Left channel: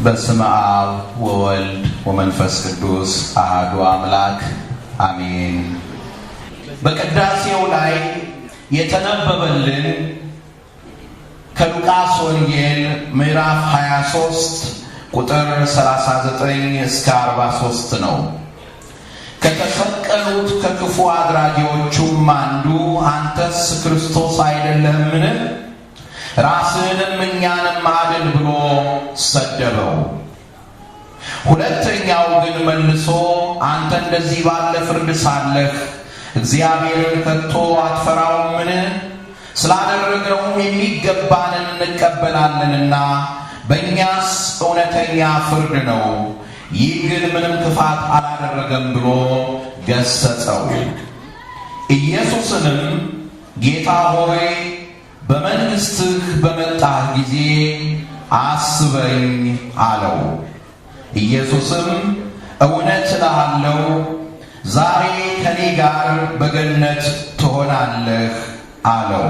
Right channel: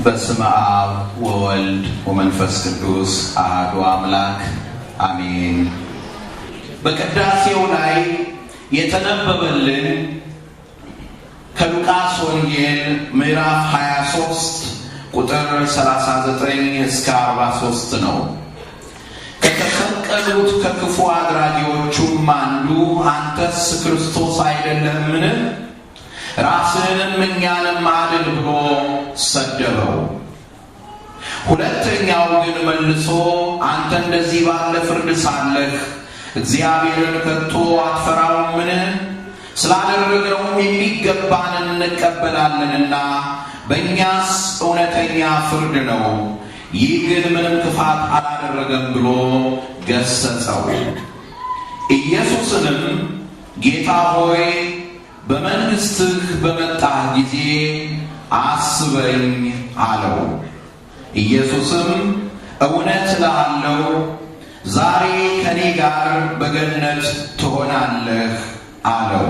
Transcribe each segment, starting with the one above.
በስመ አብ ወወልድ ወመንፈስ ቅዱስ አሐዱ አምላክ አሜን። በቅዳሴው ላይ የተነበበልን ከሉቃስ ወንጌል ምዕራፍ 23 ቁጥር 39 እስከ 43 ነው። ከተሰቀሉት ከክፉ አድራጊዎቹም አንዱ አንተስ ክርስቶስ አይደለህምን? ራስህንም እኛንም አድን ብሎ ሰደበው። ሁለተኛው ግን መልሶ አንተ እንደዚህ ባለ ፍርድ ሳለህ እግዚአብሔርን ከቶ አትፈራውምን? ስላደረግነውም የሚገባንን እንቀበላለንና በእኛስ እውነተኛ ፍርድ ነው። ይህ ግን ምንም ክፋት አላደረገም ብሎ ገሰጸው። ኢየሱስንም ጌታ ሆይ በመንግሥትህ በመጣህ ጊዜ አስበኝ አለው። ኢየሱስም እውነት እልሃለሁ ዛሬ ከኔ ጋር በገነት ትሆናለህ አለው።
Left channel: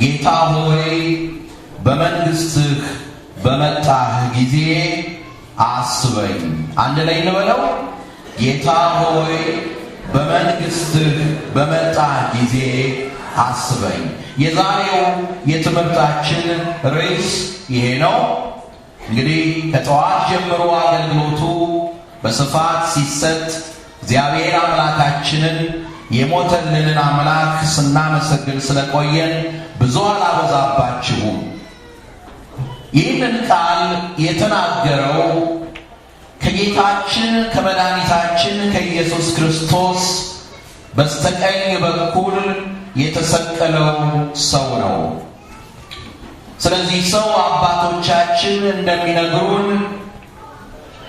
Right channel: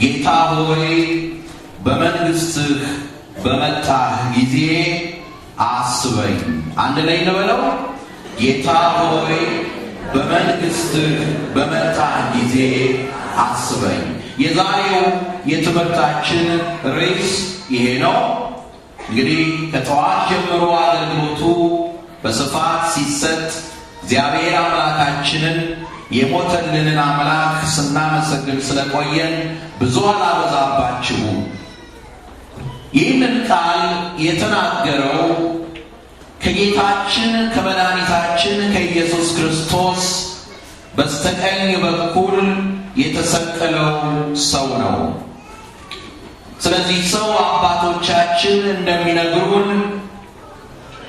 ጌታ ሆይ በመንግሥትህ በመጣህ ጊዜ አስበኝ። አንድ ላይ እንበለው። ጌታ ሆይ በመንግሥትህ በመጣህ ጊዜ አስበኝ። የዛሬው የትምህርታችን ርዕስ ይሄ ነው። እንግዲህ ከጠዋት ጀምሮ አገልግሎቱ በስፋት ሲሰጥ እግዚአብሔር አምላካችንን የሞተልንን አምላክ ስናመሰግን ስለቆየን ብዙ አላበዛባችሁም። ይህንን ቃል የተናገረው ከጌታችን ከመድኃኒታችን ከኢየሱስ ክርስቶስ በስተቀኝ በኩል የተሰቀለው ሰው ነው። ስለዚህ ሰው አባቶቻችን እንደሚነግሩን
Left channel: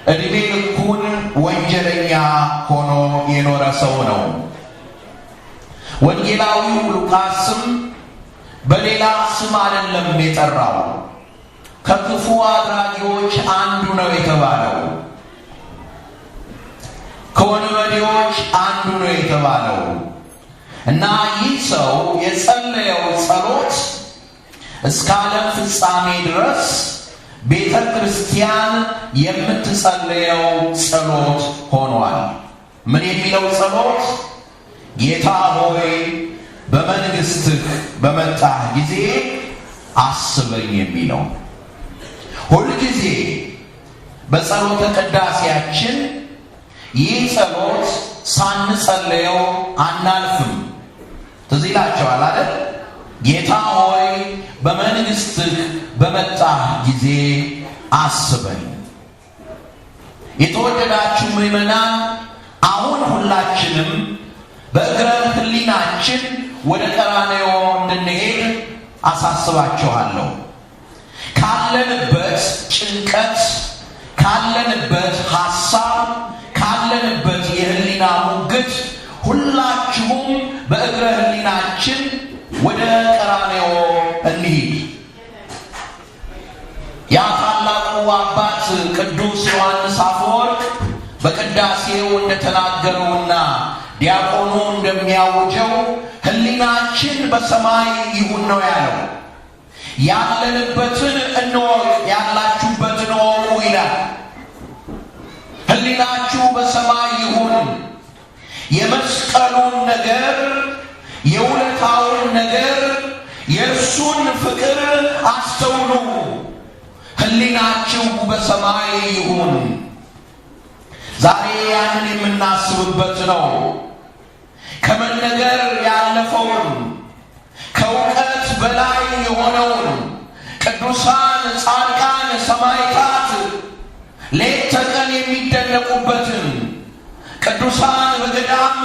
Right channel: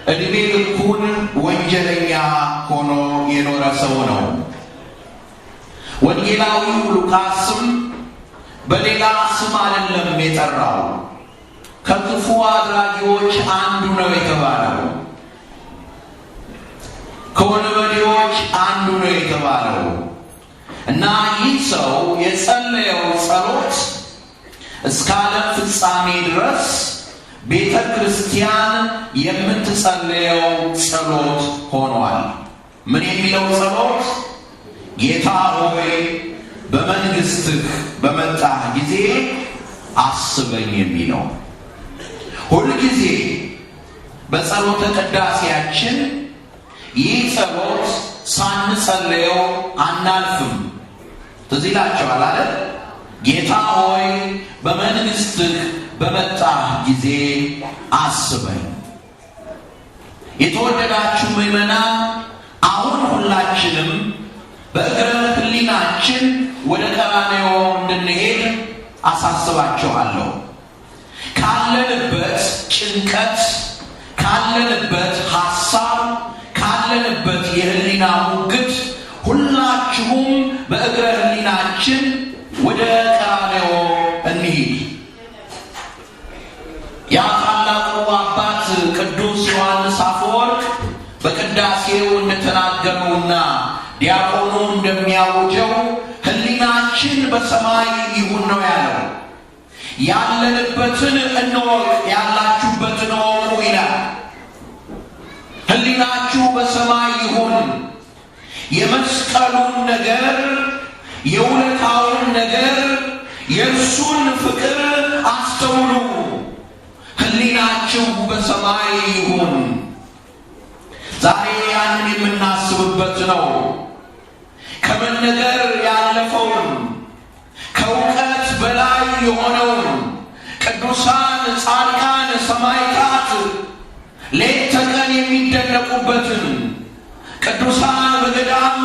ዕድሜ ልኩን ወንጀለኛ ሆኖ የኖረ ሰው ነው። ወንጌላዊው ሉቃስም በሌላ ስም አይደለም የጠራው፣ ከክፉ አድራጊዎች አንዱ ነው የተባለው፣ ከወንበዴዎች አንዱ ነው የተባለው እና ይህ ሰው የጸለየው ጸሎት እስከ ዓለም ፍጻሜ ድረስ ቤተ ክርስቲያን የምትጸለየው ጸሎት ሆኗል። ምን የሚለው ጸሎት? ጌታ ሆይ በመንግሥትህ በመጣህ ጊዜ አስበኝ የሚለው። ሁልጊዜ በጸሎተ ቅዳሴያችን ይህ ጸሎት ሳንጸለየው አናልፍም። ትዝ ይላችኋል አይደል? ጌታ ሆይ በመንግሥትህ በመጣህ ጊዜ አስበኝ። የተወደዳችሁ ምዕመናን፣ አሁን ሁላችንም በእግረ ሕሊናችን ወደ ቀራንዮ እንድንሄድ አሳስባችኋለሁ። ካለንበት ጭንቀት፣ ካለንበት ሐሳብ፣ ካለንበት የሕሊና ሙግት ሁላችሁም በእግረ ሕሊናችን ወደ ቀራንዮ እንሂድ። ያ ታላቁ አባት ቅዱስ ዮሐንስ አፈወርቅ በቅዳሴው እንደተናገረውና ዲያቆኑ እንደሚያውጀው ሕሊናችን በሰማይ ይሁን ነው ያለው። ያለንበትን እንወቅ፣ ያላችሁበትን እወቁ ይላል። ሕሊናችሁ በሰማይ ይሁን። የመስቀሉን ነገር፣ የውለታውን ነገር፣ የእርሱን ፍቅር አስተውሉ። ሕሊናችሁ በሰማይ ይሁን። ዛሬ ያንን የምናስብበት ነው። ከመነገር ያለፈውን፣ ከእውቀት በላይ የሆነውን ቅዱሳን ጻድቃን ሰማዕታት ሌት ተቀን የሚደነቁበትን፣ ቅዱሳን በገዳም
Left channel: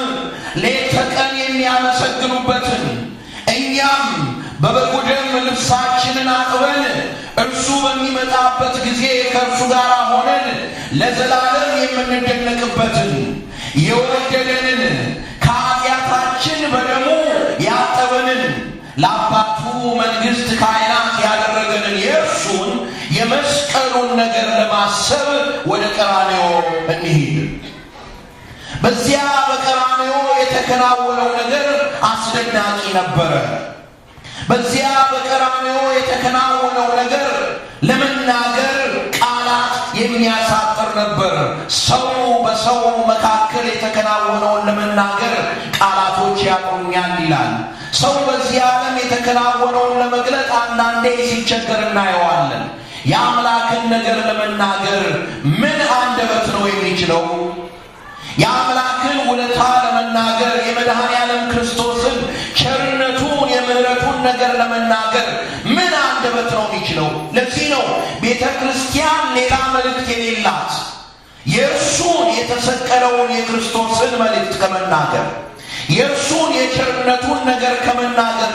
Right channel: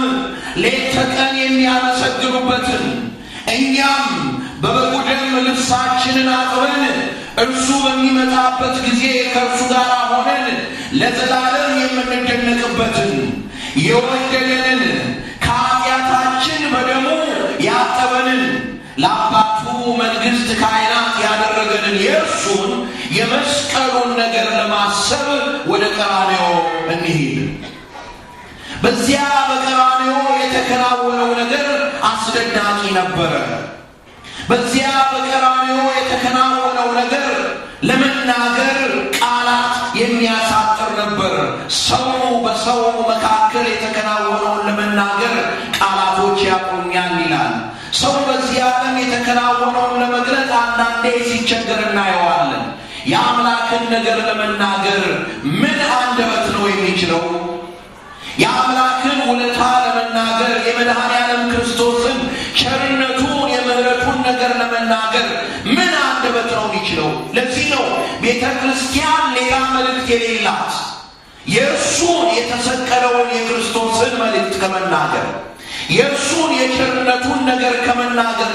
ሌት ተቀን የሚያመሰግኑበትን፣ እኛም በበጉ ደም ልብሳችንን አጥበን እርሱ በሚመጣበት ጊዜ ከእርሱ ጋር ሆነን ለዘላለም የምንደነቅበትን፣ የወደደንን ከኃጢአታችን በደሙ ያጠበንን፣ ለአባቱ መንግሥት ካህናት ያደረገንን የእርሱን የመስቀሉን ነገር ለማሰብ ወደ ቀራንዮ እንሂድ። በዚያ በቀራንዮ የተከናወነው ነገር አስደናቂ ነበረ። በዚያ በቀራንዮ የተከናወነው ነገር ለመናገር ቃላት ተናግረውኛል ይላል። ሰው በዚህ ዓለም የተከናወነውን ለመግለጥ አንዳንዴ ሲቸገር እናየዋለን። የአምላክን ነገር ለመናገር ምን አንደበት ነው የሚችለው? የአምላክን ውለታ ለመናገር የመድኃኔዓለም ክርስቶስን ቸርነቱን የምህረቱን ነገር ለመናገር ምን አንደበት ነው የሚችለው? ለዚህ ነው ቤተ ክርስቲያን ሌላ መልእክት የሌላት። የእርሱን የተሰቀለውን የክርስቶስን መልእክት ከመናገር የእርሱን የቸርነቱን ነገር ከመናገር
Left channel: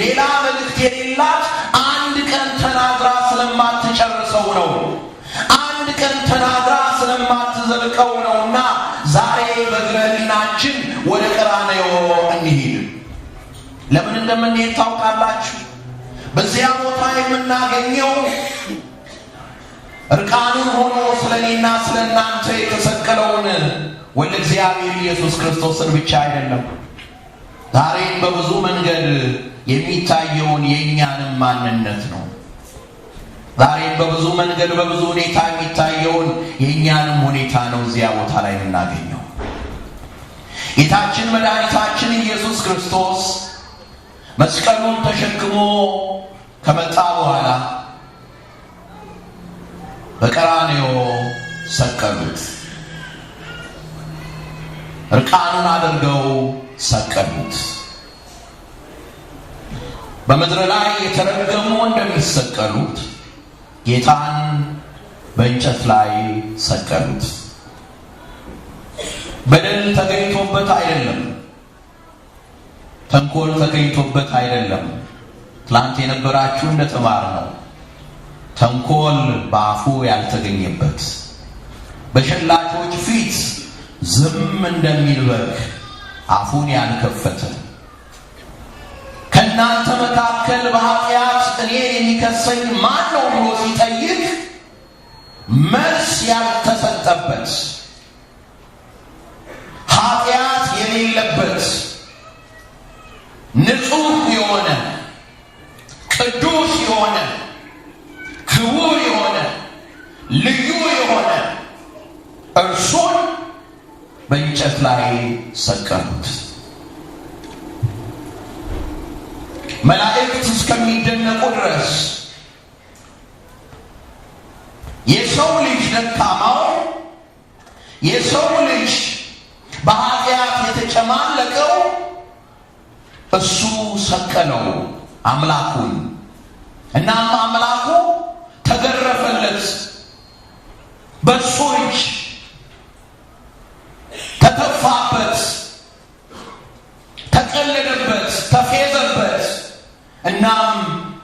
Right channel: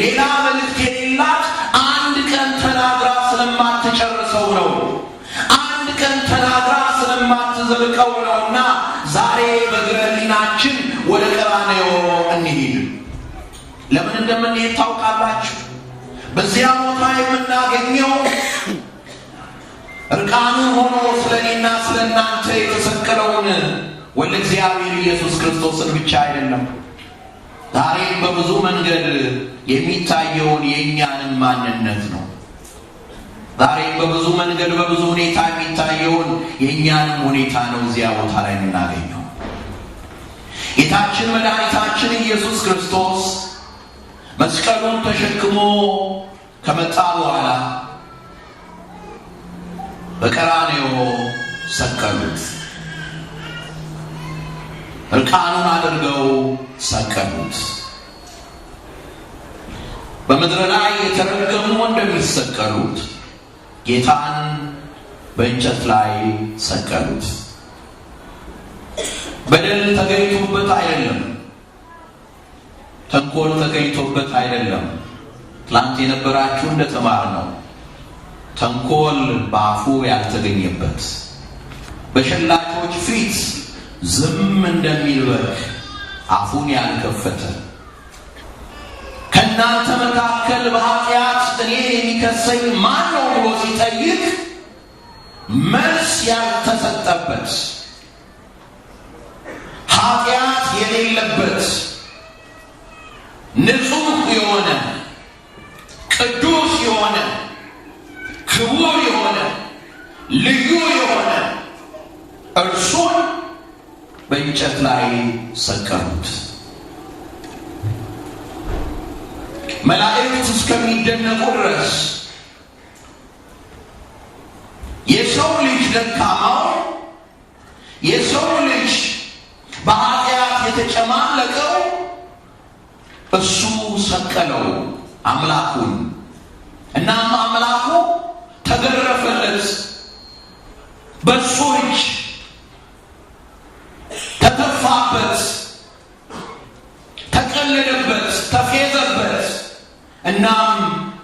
ሌላ መልእክት የሌላት አንድ ቀን ተናግራ ስለማትጨርሰው ነው። አንድ ቀን ተናግራ ስለማትዘልቀው ነውና ዛሬ በእግረ ሕሊናችን ወደ ቀራንዮ እንሂድ። ለምን እንደምንሄድ ታውቃላችሁ? በዚያ ቦታ የምናገኘው እርቃኑን ሆኖ ስለኔና ስለናንተ የተሰቀለውን ወልደ እግዚአብሔር ኢየሱስ ክርስቶስን ብቻ አይደለም። ዛሬም በብዙ መንገድ የሚታየውን የእኛንም ማንነት ነው። ዛሬም በብዙ መንገድ በብዙ ሁኔታ የሚታየውን የእኛንም ሁኔታ ነው እዚያ ቦታ ላይ የምናገኘው። ጌታችን መድኃኒታችን ኢየሱስ ክርስቶስ መስቀሉን ተሸክሞ ከመጣ በኋላ በቀራንዮ ሰቀሉት። እርቃኑን አድርገው ሰቀሉት። በምድር ላይ የተረገሙ እንደሚሰቀሉት ጌታን በእንጨት ላይ ሰቀሉት። በደል ተገኝቶበት አይደለም፣ ተንኮል ተገኝቶበት አይደለም። ትላንት የነበራችሁ እንደተማርነው ተንኮል በአፉ ያልተገኘበት፣ በሸላቾች ፊት ዝም እንደሚል በግ አፉን ያልከፈተ፣ ከእናንተ መካከል በኃጢአት እኔን የሚከሰኝ ማን ነው ብሎ ሲጠይቅ መልስ ያልተሰጠበት፣ ኃጢአት የሌለበት ንጹሕ የሆነ ቅዱስ የሆነ ክቡር የሆነ ልዩ የሆነ እርሱን በእንጨት ላይ ሰቀሉት። መላእክት እስከሚደነቁ ድረስ የሰው ልጅ ደካማው፣ የሰው ልጅ በኃጢአት የተጨማለቀው እሱ ሰቀለው አምላኩን። እናም አምላኩ ተገረፈለት፣ በእሱ እጅ ተተፋበት፣ ተቀለደበት፣ ተፌዘበት፣ እናም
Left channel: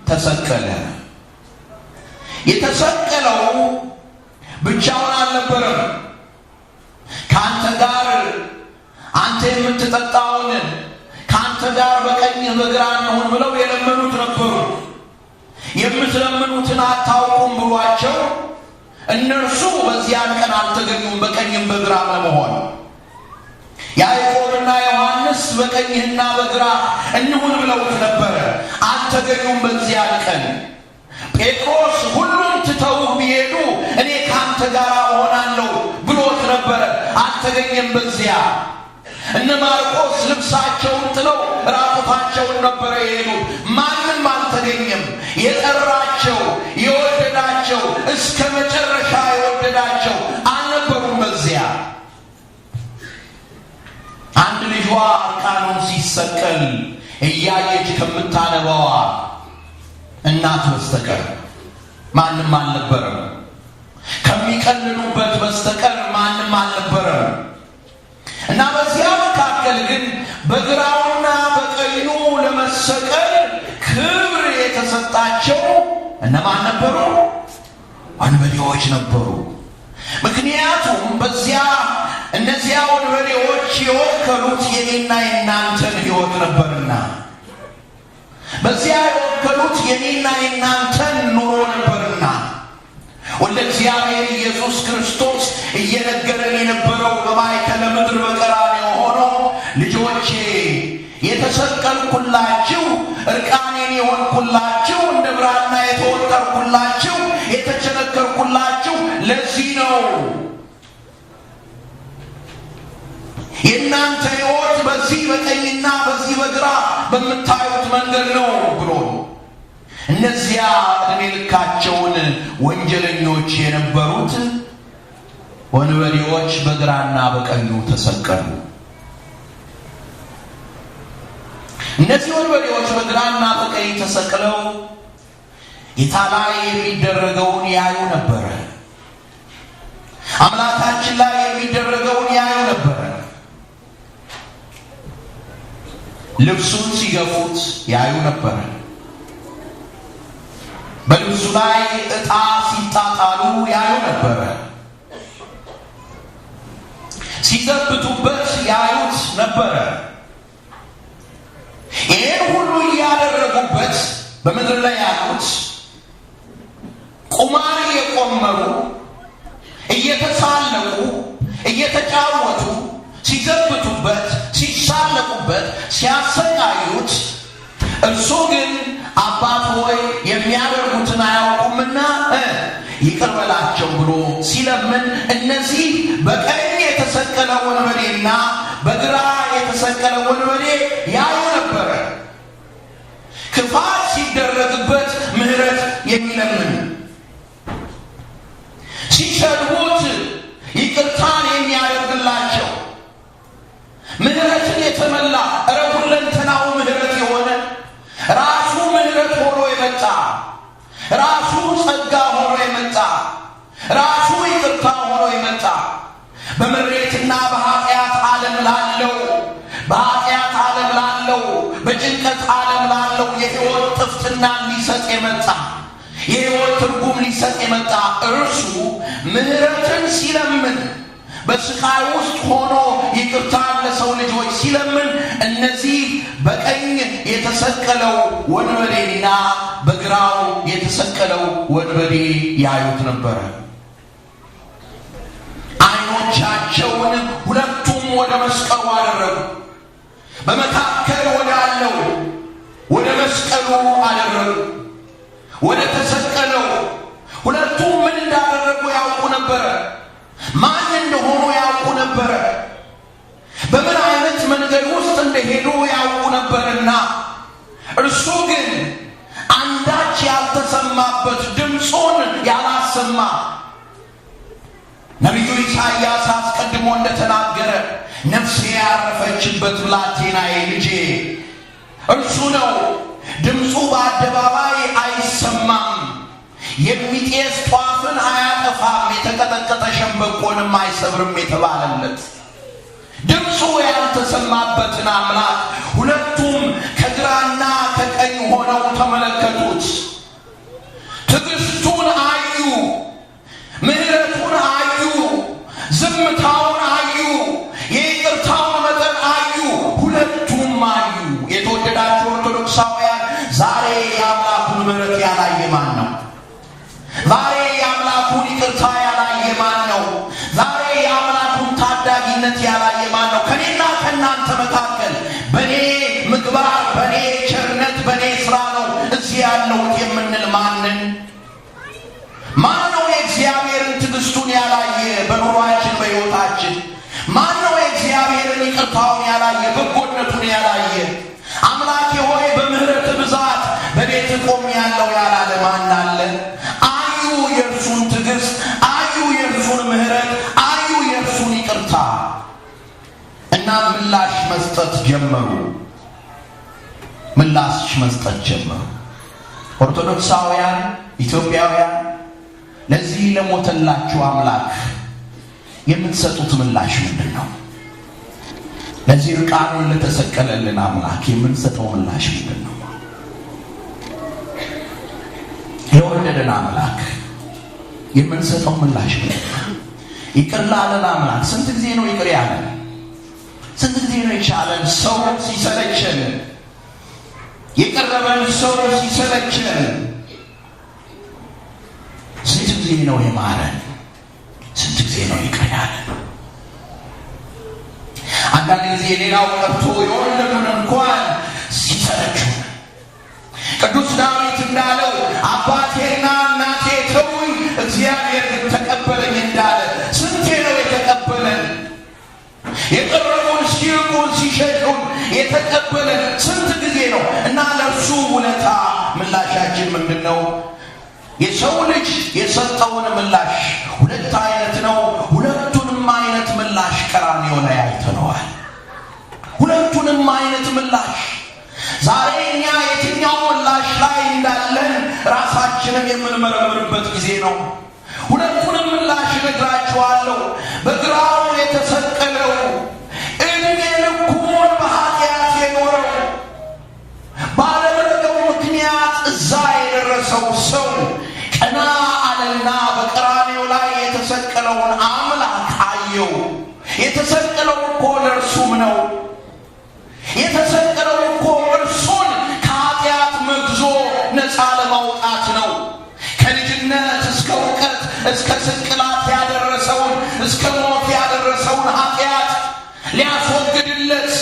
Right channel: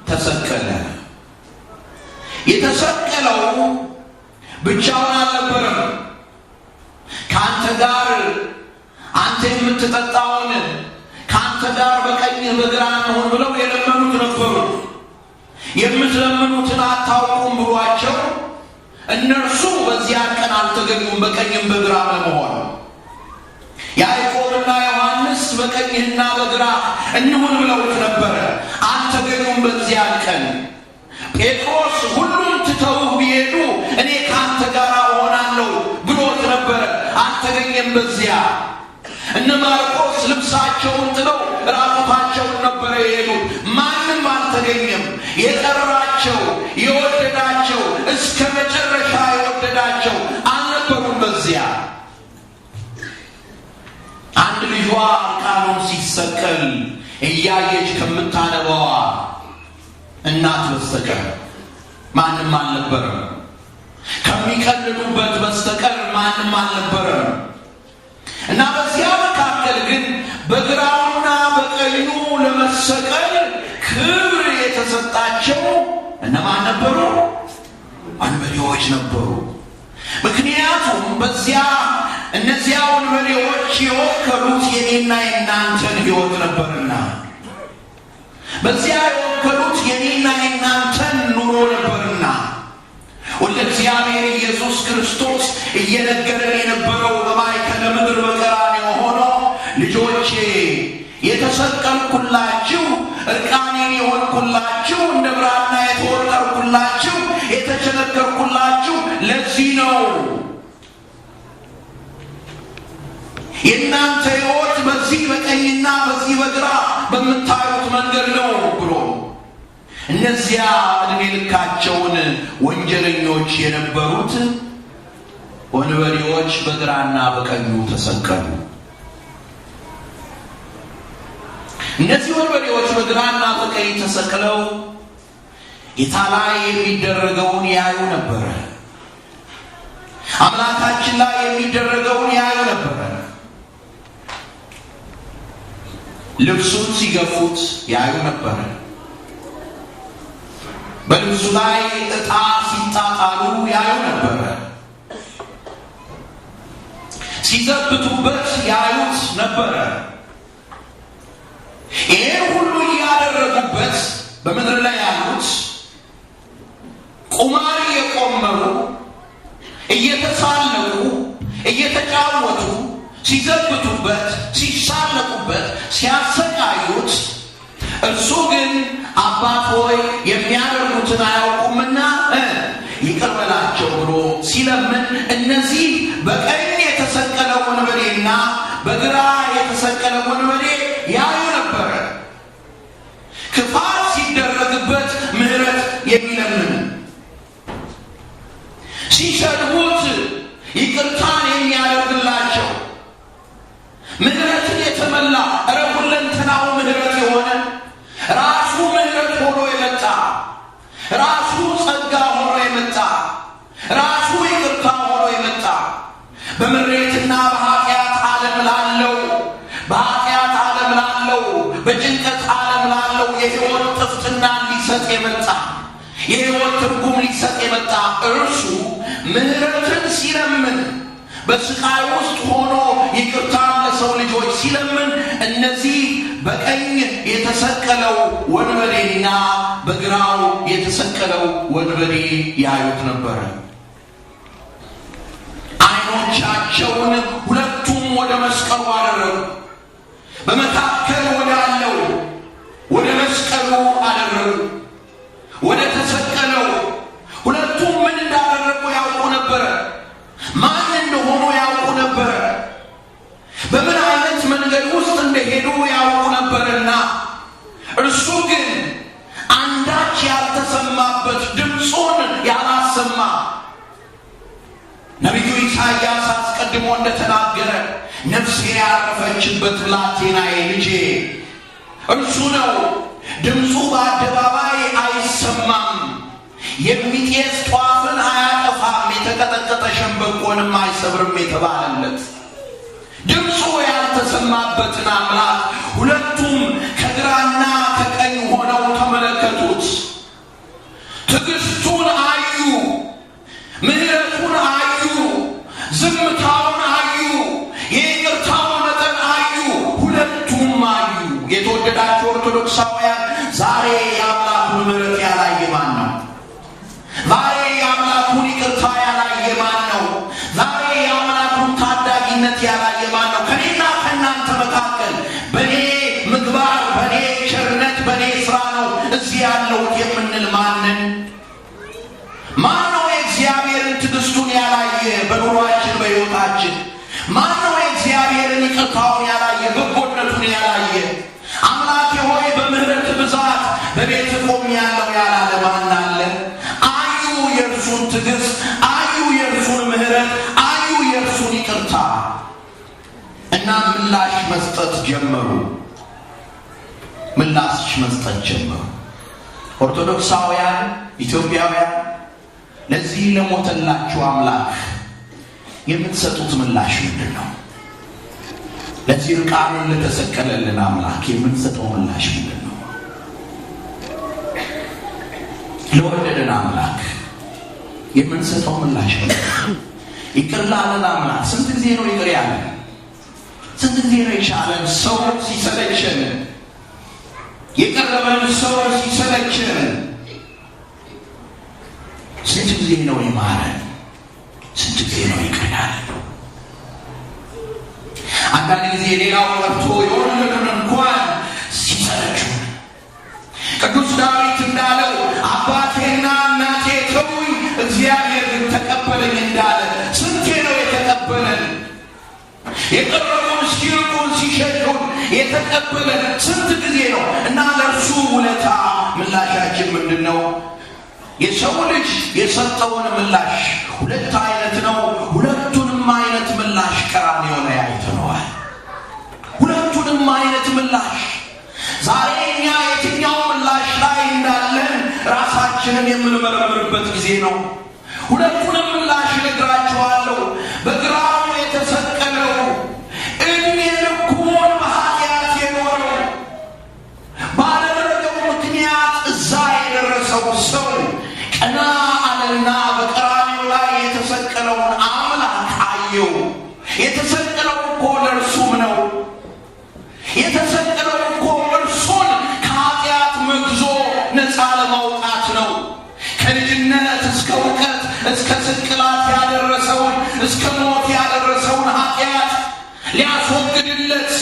ተሰቀለ። የተሰቀለው ብቻውን አልነበረም። ከአንተ ጋር አንተ የምትጠጣውን ከአንተ ጋር በቀኝህ በግራ እንሆን ብለው የለመኑት ነበሩ። የምትለምኑትን አታውቁም ብሏቸው እነርሱ በዚያን ቀን አልተገኙም በቀኝም በግራ ለመሆን። ያዕቆብና ዮሐንስ በቀኝህና በግራ እንሁን ብለውት ነበረ፣ አልተገኙም በዚያን ቀን። ጴጥሮስ ሁሉም ትተውህ ቢሄዱ እኔ ከአንተ ጋር እሆናለሁ ብሎት ነበረ፣ አልተገኘም በዚያ። እነ ማርቆስ ልብሳቸውን ጥለው ራቁታቸውን ነበረ የሄዱት፣ ማንም አልተገኘም። የጠራቸው የወደዳቸው እስከ መጨረሻ የወደዳቸው አልነበሩም በዚያ። አንድ ልጇ እርቃኑን ሲሰቀል እያየች ከምታነባዋ እናት በስተቀር ማንም አልነበረም። ከሚቀልዱበት በስተቀር ማንም አልነበረም። እና በዚያ መካከል ግን በግራውና በቀኙ ለመሰቀል ክብር የተሰጣቸው እነማን ነበሩ? ወንበዴዎች ነበሩ። ምክንያቱም እነዚያ ወንበዴዎች የወከሉት የኔና የናንተን ሕይወት ነበርና፣ በዚያ የወከሉት የኔና የናንተን ኑሮ ነበርና ወልደ እግዚአብሔር ኢየሱስ ክርስቶስ እየነገረን የነበረው በማእከለ ምድር በቀራንዮ ሆኖ ልጆቼ የተሰቀልኩላችሁ እርቃኔን የሆንኩላችሁ እንደ ብራና የተወጠርኩላችሁ የተቸነከርኩላችሁ ለዚህ ነው። የእናንተ ሕይወት በዚህ በቀኝና በዚህ በግራ በምታዩት መንገድ ነው ብሎ እነዚያ ዕድሜ ልካቸውን ወንጀለኞች የነበሩት ወንበዴዎች በግራና በቀኙ ተሰቀሉ። እነዚህ ወንበዴዎች በግራና በቀኝ ተሰቅለው ጌታ ላይ የሚደረገውን ያዩ ነበር። አምላካችን ላይ የሚደረገውን ያዩ ነበር። ልብሱን ሲገፉት ያዩ ነበር። በልብሱ ላይ ዕጣ ሲጣጣሉ ያዩ ነበር። ሲዘብቱበት ያዩት ነበር። ይህን ሁሉ እያደረጉበት በምድር ላይ ያሉት ቁማር እየቆመሩ እየተሳለቁ እየተጫወቱ ሲዘብቱበት ሲሳለቁበት ሲያሰቃዩት እርሱ ግን አባት ሆይ የሚያደርጉትን አያውቁምና ይቅር በላቸው ብሎ ሲለምን እነዚህ በቀኝ የተሰቀለ ወንበዴና በግራ የተሰቀለ ወንበዴ ያዩ ነበረ። ክፋት ሲደረግበት ምሕረት የሚለምን፣ ሲሰድቡት ይቅርታን የሚያደርግላቸው፣ ምሕረትን የተመላ ሁለንተናው ምሕረት የሆነ ራሱ ምሕረት ሆኖ የመጣ ራሱ ጸጋ ሆኖ የመጣ ራሱ ይቅርታ ሆኖ የመጣ በምሬትና በኃጢአት ዓለም ላለው በኃጢአት ዓለም ላለው በጭንቀት ዓለም ላለው የሕይወት ጥፍጥና ሊሰጥ የመጣ የሕይወት ትርጉም ሊሰጥ የመጣ እርሱ ምሕረትን ሲለምን በስቃይ ውስጥ ሆኖ ይቅርታን ለሰው ልጆች ሲለምን እነዚህ በቀኝ የተሰቀለው ወንበዴና በግራው የተሰቀለው ወንበዴ ያዩት ነበረ። ዓይኖቻቸውን ሁለቱም ወደ መስቀሉ አደረጉ። በመካከል ወዳለው ወደ መስቀሉ አደረጉ። ወደ ተሰቀለው ሁለቱም ምን እንዳደረጉ ያውቁ ነበረ። ማን እንደሆኑ ያውቁ ነበረ። በምን አይነት መንገድ ውስጥ እንደሄዱ ያውቁ ነበርና እርሱ ግን አንዳች ያልተሰማበት ድምፁን ያላሰማ ነቢዩ ኢሳይያስ አስቀድሞ እንደተናገረ ነፍሴ ያረፈችበት ብላቴናዬ ልጄ እርሱ ነው፣ ድምፁ በአደባባይ አይሰማም፣ የሚጤስ ጧፍን አያጠፋም፣ የተቀጠቀጠ ሸምበቆንም አይሰብርም የተባለለት ድምፁ ያልተሰማበትን አምላክ ሁለቱም ከግራና ከቀኝ ሆነው ተመለከቱት። ትዕግስቱን አዩ፣ ምሕረቱን አዩ፣ ዝምታውን አዩ፣ የይቅርታውን መጠን አዩ። ሁለቱም አዩ። የተወደዳችሁ ኦርቶዶክሳውያን ዛሬ የአምላኩን ምሕረት ያላየ ማን ነው? ዛሬ የአምላኩን ይቅርታ ያላየ ማን ነው? ዛሬ የአምላኩን ታዳጊነት ያላየ ማን ነው? ከኔና ከእናንተ መካከል በኔ ምግባር፣ በኔ ቸርነት፣ በኔ ስራ ነው እዚህ ያለሁት የምንል ማንን? ማን ነው የእግዚአብሔርን ትዕግስቱን ያላየ በኑሯችን በሕይወታችን? ማን ነው የእግዚአብሔርን ይቅርታውን ያላየ በጎነቱን ያላየ? አምላኬ ሆይ በምህረት ብዛት በቤት ቆም ያለው ያላለ ማን አለ? አዩ የእርሱን ትዕግስት፣ አዩ የእርሱን ምህረት፣ አዩ የእርሱን ይቅርታ እና ምላሽ መስጠት ጀመሩ። ምላሽ መስጠት ጀመሩ። ኦርቶዶክሳውያን ኢትዮጵያውያን ለዚህ ለሞተላችሁ አምላክ የምትሰጡት ምላሽ ምንድን ነው? ለዚህ ርቃኑን ለተሰቀለልን አምላክ የምንሰጠው ምላሽ ምንድን ነው? ለወደደን አምላክ የምንሰጠው ምላሽ ምንድን ነው? ይቅር ላለን አምላክ ስንት ጊዜ ነው ይቅር ያለን? ስንት ጊዜ ነው የቻለን? ሰው ሲሰለቸን፣ የቀረበን ሰው ሲሰለቸን ስንት ጊዜ ነው የማረን? ስንት ጊዜ ነው ይቅር ያለን? አንዳንድ ጊዜ ሌላው ቀርቶ የወለዱን እንኳን ሲሰለቹን ቅዱስ ዳዊት እንዳለው አባቴና እናቴ ተውኝ እግዚአብሔር ግን ተቀበለኝ እንዳለ ስንቴ ነው የተቀበለን? የቀረቡን ሲሸሹን የተቀበለን ስንት ጊዜ ነው? እና ለእርሱ ውለታ ምላሻችን ምንድነው? የሰው ልጅ የሰጠውን ምላሽ ሁለት አይነት ነው። ሁለቱንም አይነት ምላሽ ቀራንዮ ላይ አይተነዋል። ሁለቱንም አይነት ምላሽ ዛሬ እኛ የትኛው ምላሽ ላይ እንዳለን ራሳችንን የምንመረምርበት ጊዜ ነው። ሁለቱንም ምላሽ እነግራችኋለሁ። በግራው የተሰቀለው እድሜ ልኩን በኃጢአት የኖረው ባለመረገው ምክንያት እዛ የደረሰው ሰው ቀና አለና በቀራንዮ ላይ የተሰቀለውን አምላክ አየው። የተሰቀለው እኮ ለእርሱም ነው። የተሰቀለው እኮ እርሱን ከኃጢአት መግዞ ነፃ ለማውጣት ነው። ከልጅነት እስከ እውቀት እስከ ስቅላት ያደረሰውን እስከ ሞት ያደረሰውን ኃጢአት ሊያስወግድለት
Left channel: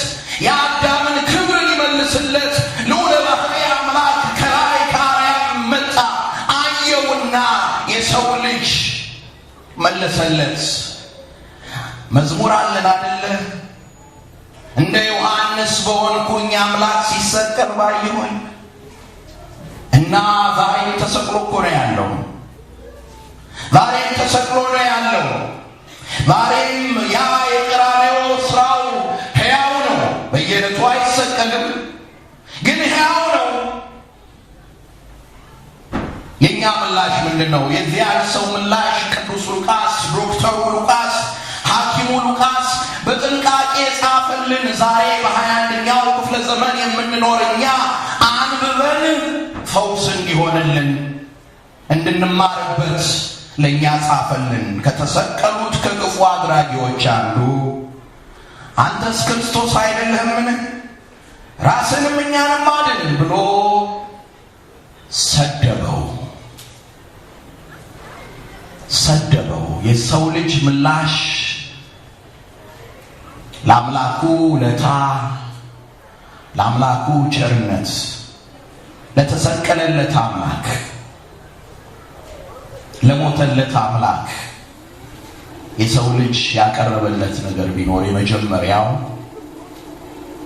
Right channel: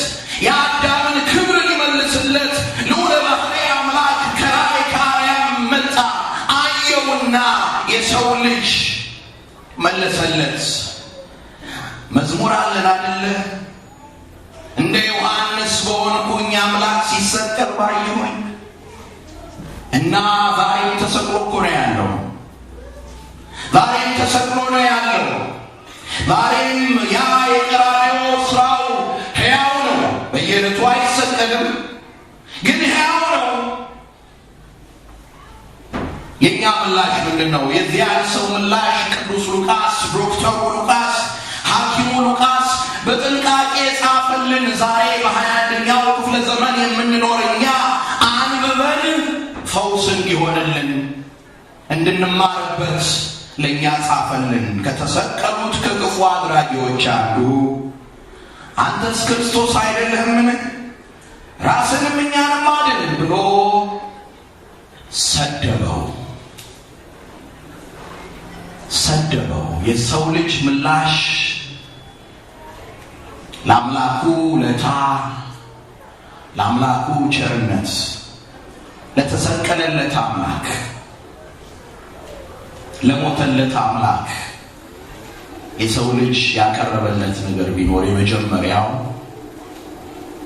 የአዳምን ክብር ሊመልስለት ልዑለ ባሕርይ አምላክ ከላይ ከአርያም መጣ። አየውና የሰው ልጅ መለሰለት። መዝሙር አለን አይደለ? እንደ ዮሐንስ በሆንኩኝ አምላክ ሲሰቀል ባየሁኝ። እና ዛሬም ተሰቅሎ እኮ ነው ያለው። ዛሬም ተሰቅሎ ነው ያለው። ዛሬም ያ የቀራንዮ ስራው ሕያው ነው። በየዕለቱ አይሰቀልም፣ ግን ሕያው ነው። የኛ ምላሽ ምንድነው? የዚያ ሰው ምላሽ ቅዱስ ሉቃስ፣ ዶክተሩ ሉቃስ፣ ሐኪሙ ሉቃስ በጥንቃቄ ጻፈልን። ዛሬ በ21ኛው ክፍለ ዘመን የምንኖር እኛ አንብበን ፈውስ እንዲሆንልን እንድንማርበት ለኛ ጻፈልን። ከተሰቀሉት ከክፉ አድራጊዎች አንዱ አንተስ ክርስቶስ አይደለህምን? ራስንም እኛንም አድን ብሎ ሰደበው። የሰው ልጅ ምላሽ ለአምላኩ ውለታ፣ ለአምላኩ ቸርነት፣ ለተሰቀለለት አምላክ፣ ለሞተለት አምላክ የሰው ልጅ ያቀረበለት ነገር ቢኖር የመጀመሪያው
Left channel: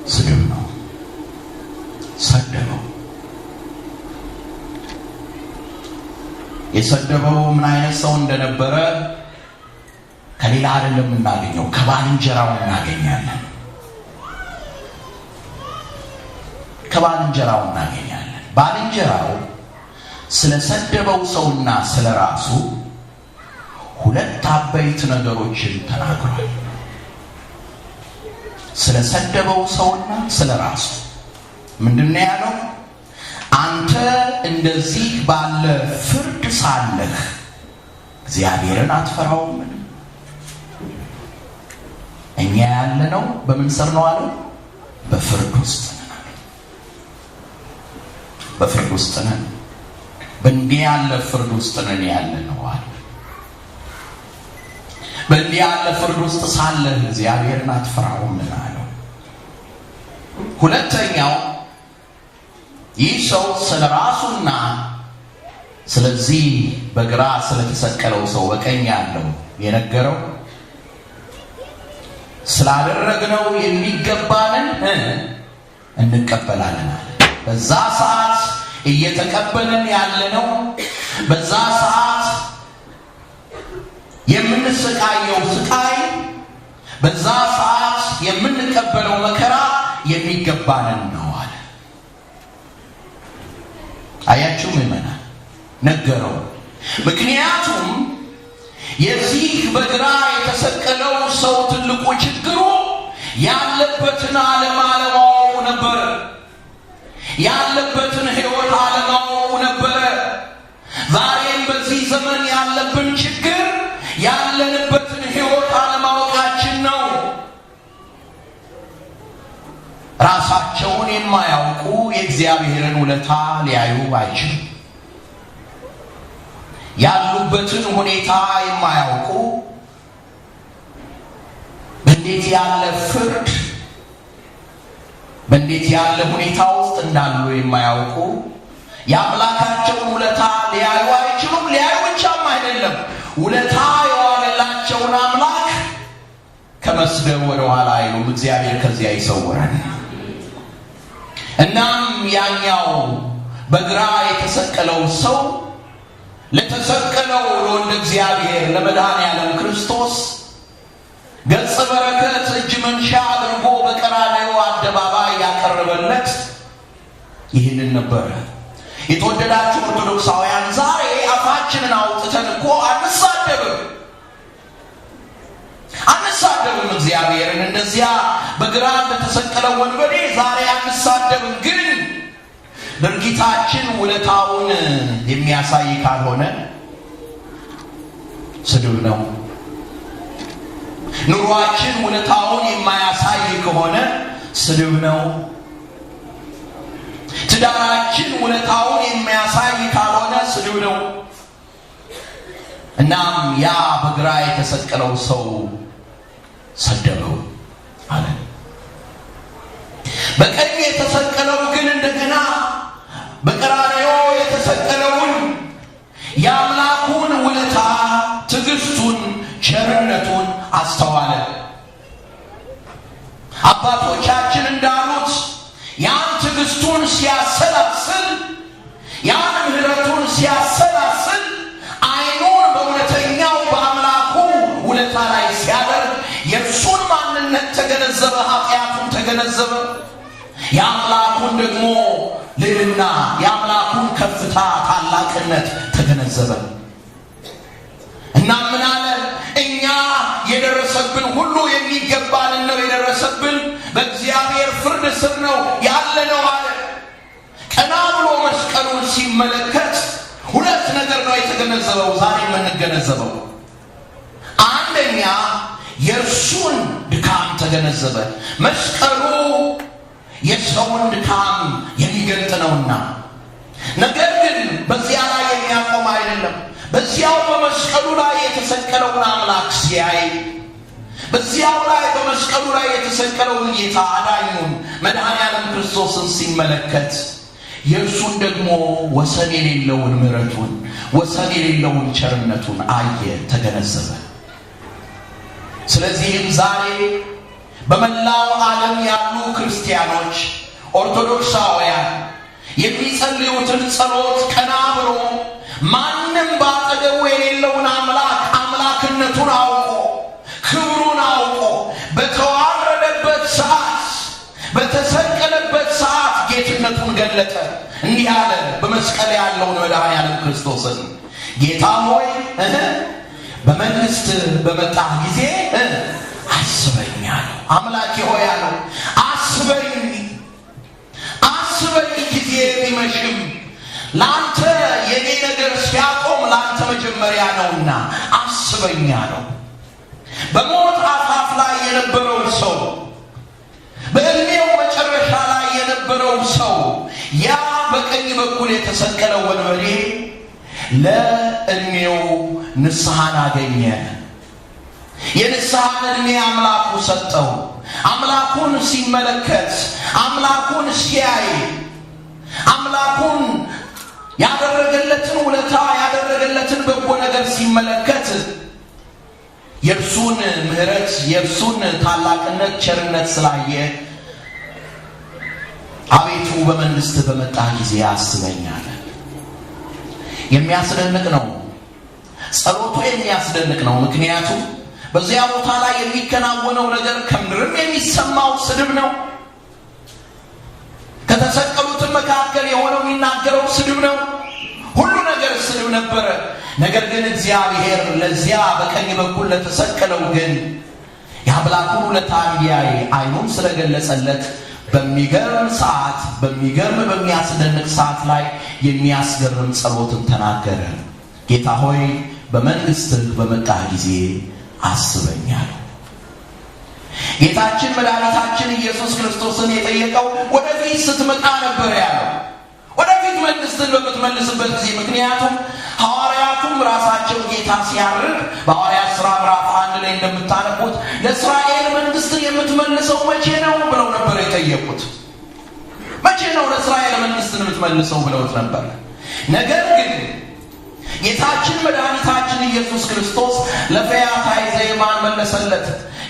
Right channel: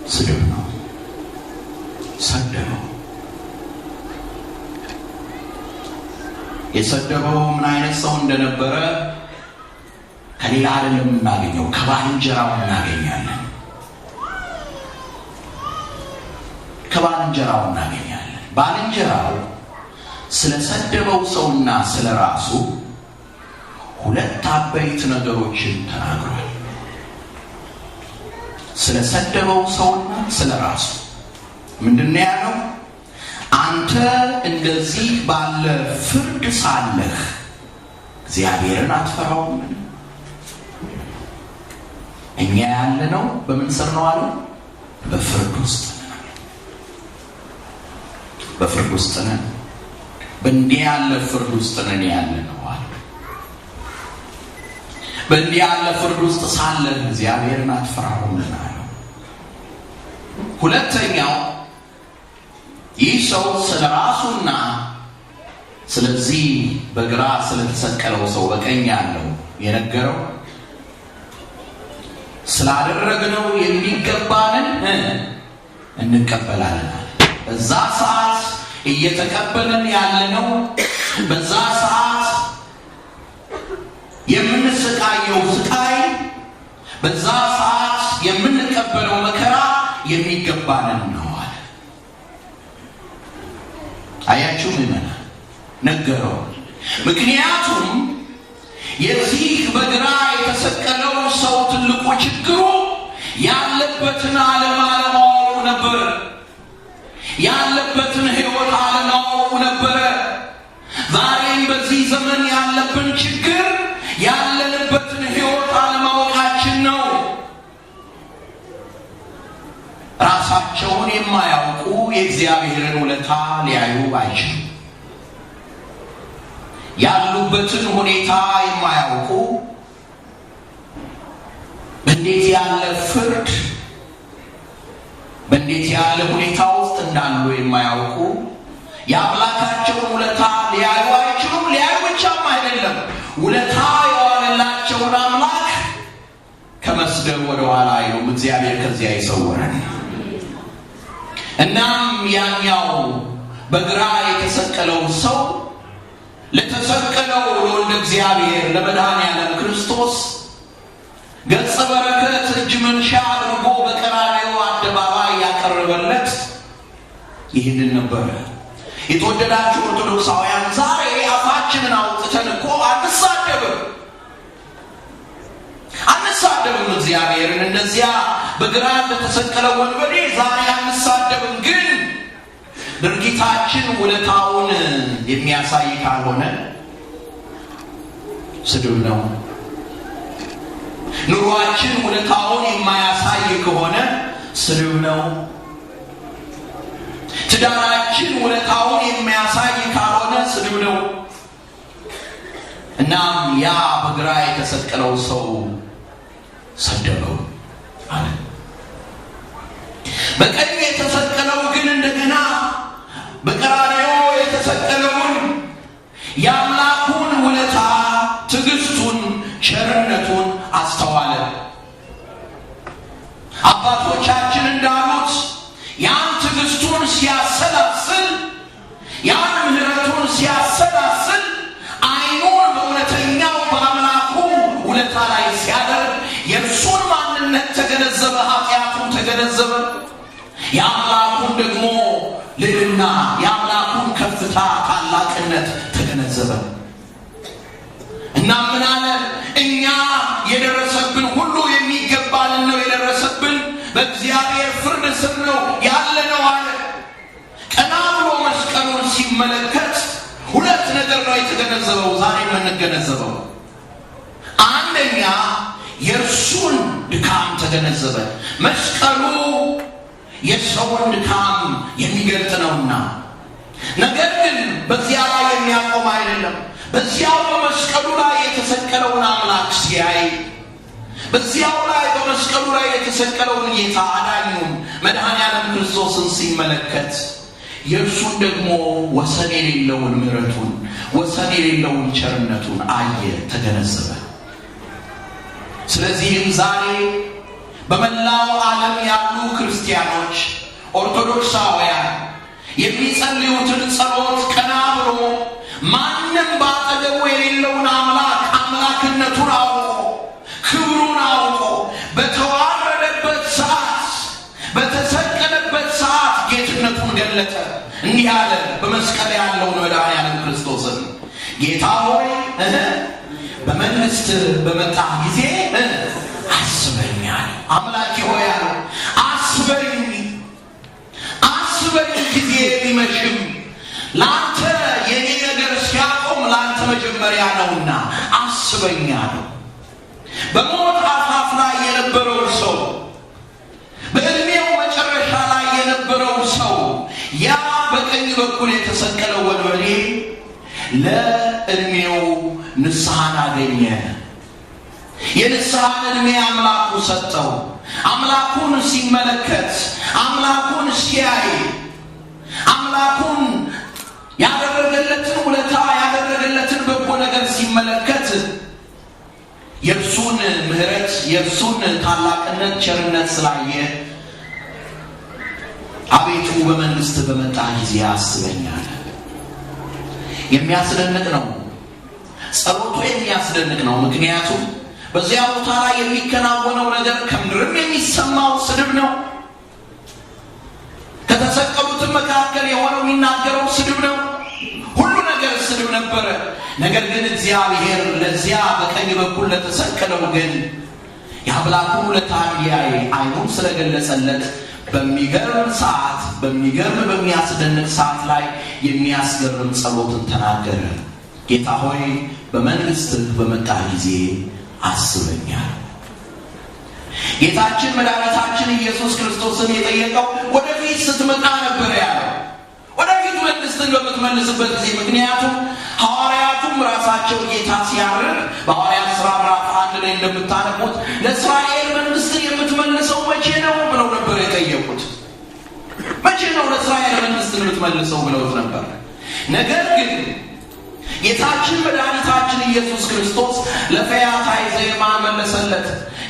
ስድብ ነው። ሰደበው። የሰደበው ምን አይነት ሰው እንደነበረ ከሌላ አይደለም እናገኘው፣ ከባልንጀራው እናገኛለን። ባልንጀራው ስለሰደበው ሰውና ስለራሱ ሁለት አበይት ነገሮችን ተናግሯል። ስለሰደበው ሰውና ስለራሱ ምንድነው ያለው? አንተ እንደዚህ ባለ ፍርድ ሳለህ እግዚአብሔርን አትፈራውም? እኛ ያለነው በምን ስር ነው አለው? በፍርድ ውስጥ ነን። በእንዲህ ያለ ፍርድ ውስጥ ነን ያለነው አለ። በእንዲህ ያለ ፍርድ ውስጥ ሳለህ እግዚአብሔርን አትፈራውም አለው። ሁለተኛው ይህ ሰው ስለራሱና ስለዚህ በግራ ስለተሰቀለው ሰው በቀኝ ያለው የነገረው ስላደረግነው የሚገባንን እንቀበላለን። በዛ ሰዓት እየተቀበልን ያለነው፣ በዛ ሰዓት የምንሰቃየው ስቃይ፣ በዛ ሰዓት የምንቀበለው መከራ የሚገባንን ነው አለ። አያችሁ ምዕመናን፣ ነገረው። ምክንያቱም የዚህ በግራ የተሰቀለው ሰው ትልቁ ችግሩ ያለበትን ዓለም አለማወቁ ነበር። ያለበትን ሕይወት አለማወቁ ነበረ። ዛሬም በዚህ ዘመን ያለብን ችግር ያለንበትን ሕይወት አለማወቃችን ነው። ራሳቸውን የማያውቁ የእግዚአብሔርን ውለታ ሊያዩ አይችሉም። ያሉበትን ሁኔታ የማያውቁ በእንዴት ያለ ፍርድ በእንዴት ያለ ሁኔታ ውስጥ እንዳሉ የማያውቁ የአምላካቸውን ውለታ ሊያዩ አይችሉም። ሊያዩ ብቻም አይደለም፣ ውለታ የዋለላቸውን አምላክ ከመስደብ ወደ ኋላ አይሉም። እግዚአብሔር ከዚያ ይሰውረን። እናም ያኛው በግራ የተሰቀለው ሰው ለተሰቀለው ለወልደ እግዚአብሔር ለመድኃኔዓለም ክርስቶስ ገጸ በረከት እጅ መንሻ አድርጎ በቀራንዮ አደባባይ ያቀረበለት ይህንን ነበር። የተወደዳችሁ ኦርቶዶክሳውያን ዛሬ አፋችንን አውጥተን እኮ አንሳደብም እግዚአብሔርን እንደዚያ በግራ እንደተሰቀለው ወንበዴ ዛሬ አንሳደብም። ግን ድርጊታችን ውለታውን የሚያሳይ ካልሆነ ስድብ ነው። ኑሯችን ውለታውን የማያሳይ ከሆነ ስድብ ነው። ትዳራችን ውለታውን የሚያሳይ ካልሆነ ስድብ ነው። እናም ያ በግራ የተሰቀለው ሰው ሰደበው አለ። በቀኝ የተሰቀለው ግን እንደገና በቀራንዮ የተሰቀለውን የአምላኩን ውለታ፣ ትዕግስቱን፣ ቸርነቱን አስተዋለ። አባቶቻችን እንዳሉት ያን ትዕግስቱን ሲያሰላስል፣ ያን ምሕረቱን ሲያሰላስል ዓይኑን በእውነተኛው በአምላኩ ውለታ ላይ ሲያደርግ የእርሱን ማንነት ተገነዘበ፣ ኃጢአቱን ተገነዘበ፣ የአምላኩን ደግሞ ልዕልና፣ የአምላኩን ከፍታ ታላቅነት ተገነዘበ። እና ምን አለ? እኛ የደረሰብን ሁሉ የሚገባልን ነው የደረሰብን፣ በእግዚአብሔር ፍርድ ስር ነው ያለነው አለ። ቀና ብሎ መስቀሉን ሲመለከት ሁለት ነገር ነው የተገነዘበው። ዛሬ የምንገነዘበው አንደኛ የእርሱን ድካም ተገነዘበ። መስቀሉ የሰውን ድካም የሚገልጥ ነውና፣ ነገር ግን በዚያ ላይ የሚያቆም አይደለም። በዚያው በመስቀሉ ላይ የተሰቀለውን አምላክ ሲያይ፣ በዚያው ላይ በመስቀሉ ላይ የተሰቀለውን ጌታ አዳኙን መድኃኔዓለም ክርስቶስን ሲመለከት የእርሱን ደግሞ ወሰን የሌለውን ምሕረቱን፣ ወሰን የሌለውን ቸርነቱን አየ፣ ተገነዘበ። ስለዚህም ዛሬ በመላው ዓለም ያሉ ክርስቲያኖች ኦርቶዶክሳውያን የሚጸልዩትን ጸሎት ቀና ብሎ ማንም ባጠገቡ የሌለውን አምላክ አምላክነቱን አውቆ ክብሩን አውቆ በተዋረደበት ሰዓት በተሰቀለበት ሰዓት ጌትነቱን ገለጠ። እንዲህ አለ በመስቀል ያለውን መድኃኔዓለም ክርስቶስን፣ ጌታ ሆይ በመንግስት በመጣህ ጊዜ አስበኝ አለው። አምላኬ ሆይ አለው አስበኝ ጊዜ ቢመሽም ለአንተ የኔ ነገር ሲያቆም ለአንተ መጀመሪያ ነውና አስበኝ አለው። በሞት አፋፍ ላይ የነበረው ሰው፣ በዕድሜው መጨረሻ ላይ የነበረው ሰው፣ ያ በቀኝ በኩል የተሰቀለው ወንበዴ ለዕድሜው ንስሐን አገኘ። የንስሐን ዕድሜ አምላኩ ሰጠው። አምላኩን ሲመለከት፣ አምላኩን ሲያይ፣ አምላኩን ያደረገለትን ውለታ ያደረገለትን በጎ ነገር ሲመለከት የእርሱን ምሕረት የእርሱን ታላቅነት ቸርነት ስላየ አቤቱ በመንግስት በመጣ ጊዜ አስበኛል። የሚያስደንቅ ነው ጸሎቱ፣ የሚያስደንቅ ነው። ምክንያቱም በዚያ ቦታ ላይ የሚከናወነው ነገር ከምድርም የሚሰማው ስድብ ነው። ከተሰቀሉትም መካከል የሆነው የሚናገረው ስድብ ነው። ሁሉ ነገር ስድብ ነበረ። ነገር ግን እግዚአብሔር ለዚያ በቀኝ በኩል ለተሰቀለው ግን የአምላኩን ውለታ እንዲያይ ዓይኑን ስለገለጸለት በሚገርም ሰዓት፣ በሚያስደንቅ ሰዓት ላይ የሚያስገርም ጸሎትን ተናገረ። ጌታ ሆይ በመንግስትህ በመጣህ ጊዜ አስበኛል። ጌታችን መድኃኒታችን ኢየሱስ ክርስቶስን የጠየቀው ወደፊት ስትመጣ ነበር ያለው፣ ወደፊት መንግስትን በምትመልስበት ጊዜ። ምክንያቱም ሐዋርያቱም ራሳቸው ጌታ ሲያርግ በሐዋርያት ሥራ ምዕራፍ 1 ላይ እንደምታነቡት ለእስራኤል መንግስትን የምትመልሰው መቼ ነው ብለው ነበር የጠየቁት። መቼ ነው ለእስራኤል መንግስትን የምትመልሰው ብለውት ነበር። ነገር ግን ጌታችን መድኃኒታችን ኢየሱስ ክርስቶስ ለፈያታዊ ዘይማን መለሰለት።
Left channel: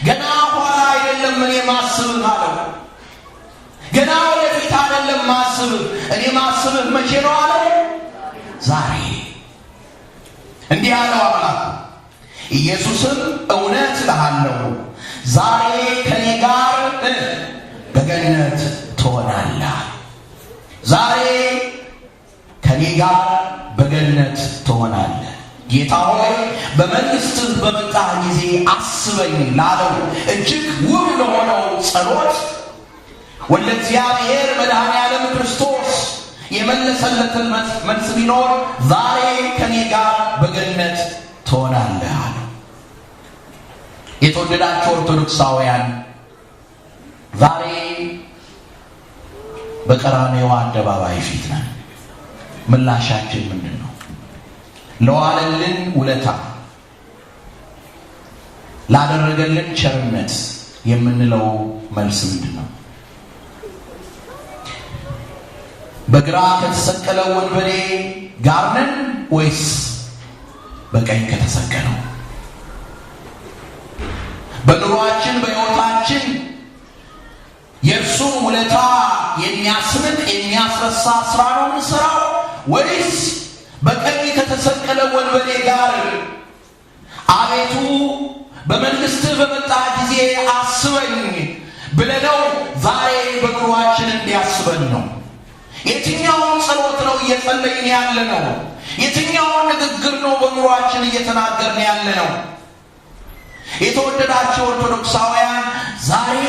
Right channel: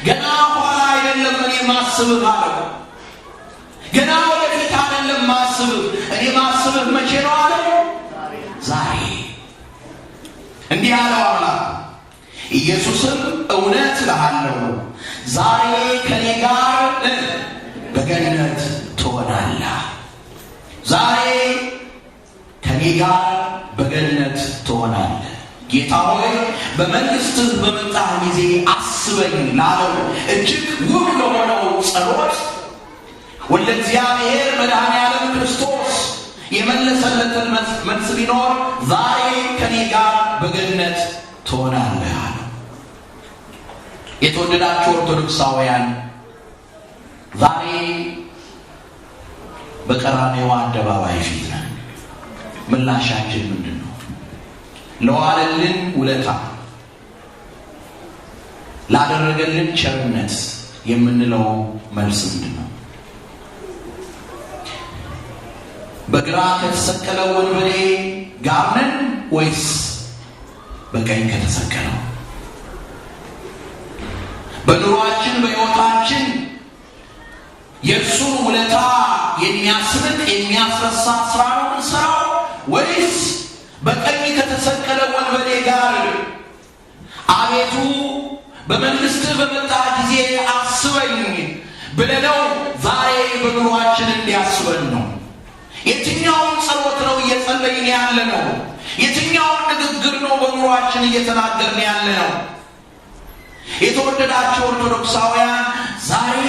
ገና ኋላ አይደለም እኔ ማስብህ አለው። ገና ወደፊት አይደለም ማስብህ፣ እኔ ማስብህ መቼ ነው አለ? ዛሬ። እንዲህ አለው አምላክ። ኢየሱስም እውነት እልሃለሁ ዛሬ ከኔ ጋር በገነት ትሆናለህ። ዛሬ ከኔ ጋር በገነት ትሆናለህ። ጌታ ሆይ በመንግሥትህ በመጣህ ጊዜ አስበኝ ላለው እጅግ ውብ ለሆነው ጸሎት ወልደ እግዚአብሔር መድኃኔ ዓለም ክርስቶስ የመለሰለትን መልስ ቢኖር ዛሬ ከኔ ጋር በገነት ትሆናለህ አለው። የተወደዳችሁ ኦርቶዶክሳውያን ዛሬ በቀራንዮ አደባባይ ፊት ነን። ምላሻችን ምንድን ነው? ለዋለልን ውለታ ላደረገልን ቸርነት የምንለው መልስ ምንድን ነው? በግራ ከተሰቀለው ወንበዴ ጋር ነን ወይስ በቀኝ ከተሰቀለው? በኑሯችን በሕይወታችን የእርሱን ውለታ የሚያስንቅ የሚያስረሳ ስራ ነው የምንሰራው ወይስ በቀኝ ከተሰቀለ ወንበዴ ጋር አቤቱ በመንግሥትህ በመጣህ ጊዜ አስበኝ ብለነው ዛሬ በኑሯችን እንዲያስበን ነው? የትኛውን ጸሎት ነው እየጸለይን ያለ ነው? የትኛውን ንግግር ነው በኑሯችን እየተናገርን ያለ ነው? የተወደዳችሁ ኦርቶዶክሳውያን ዛሬ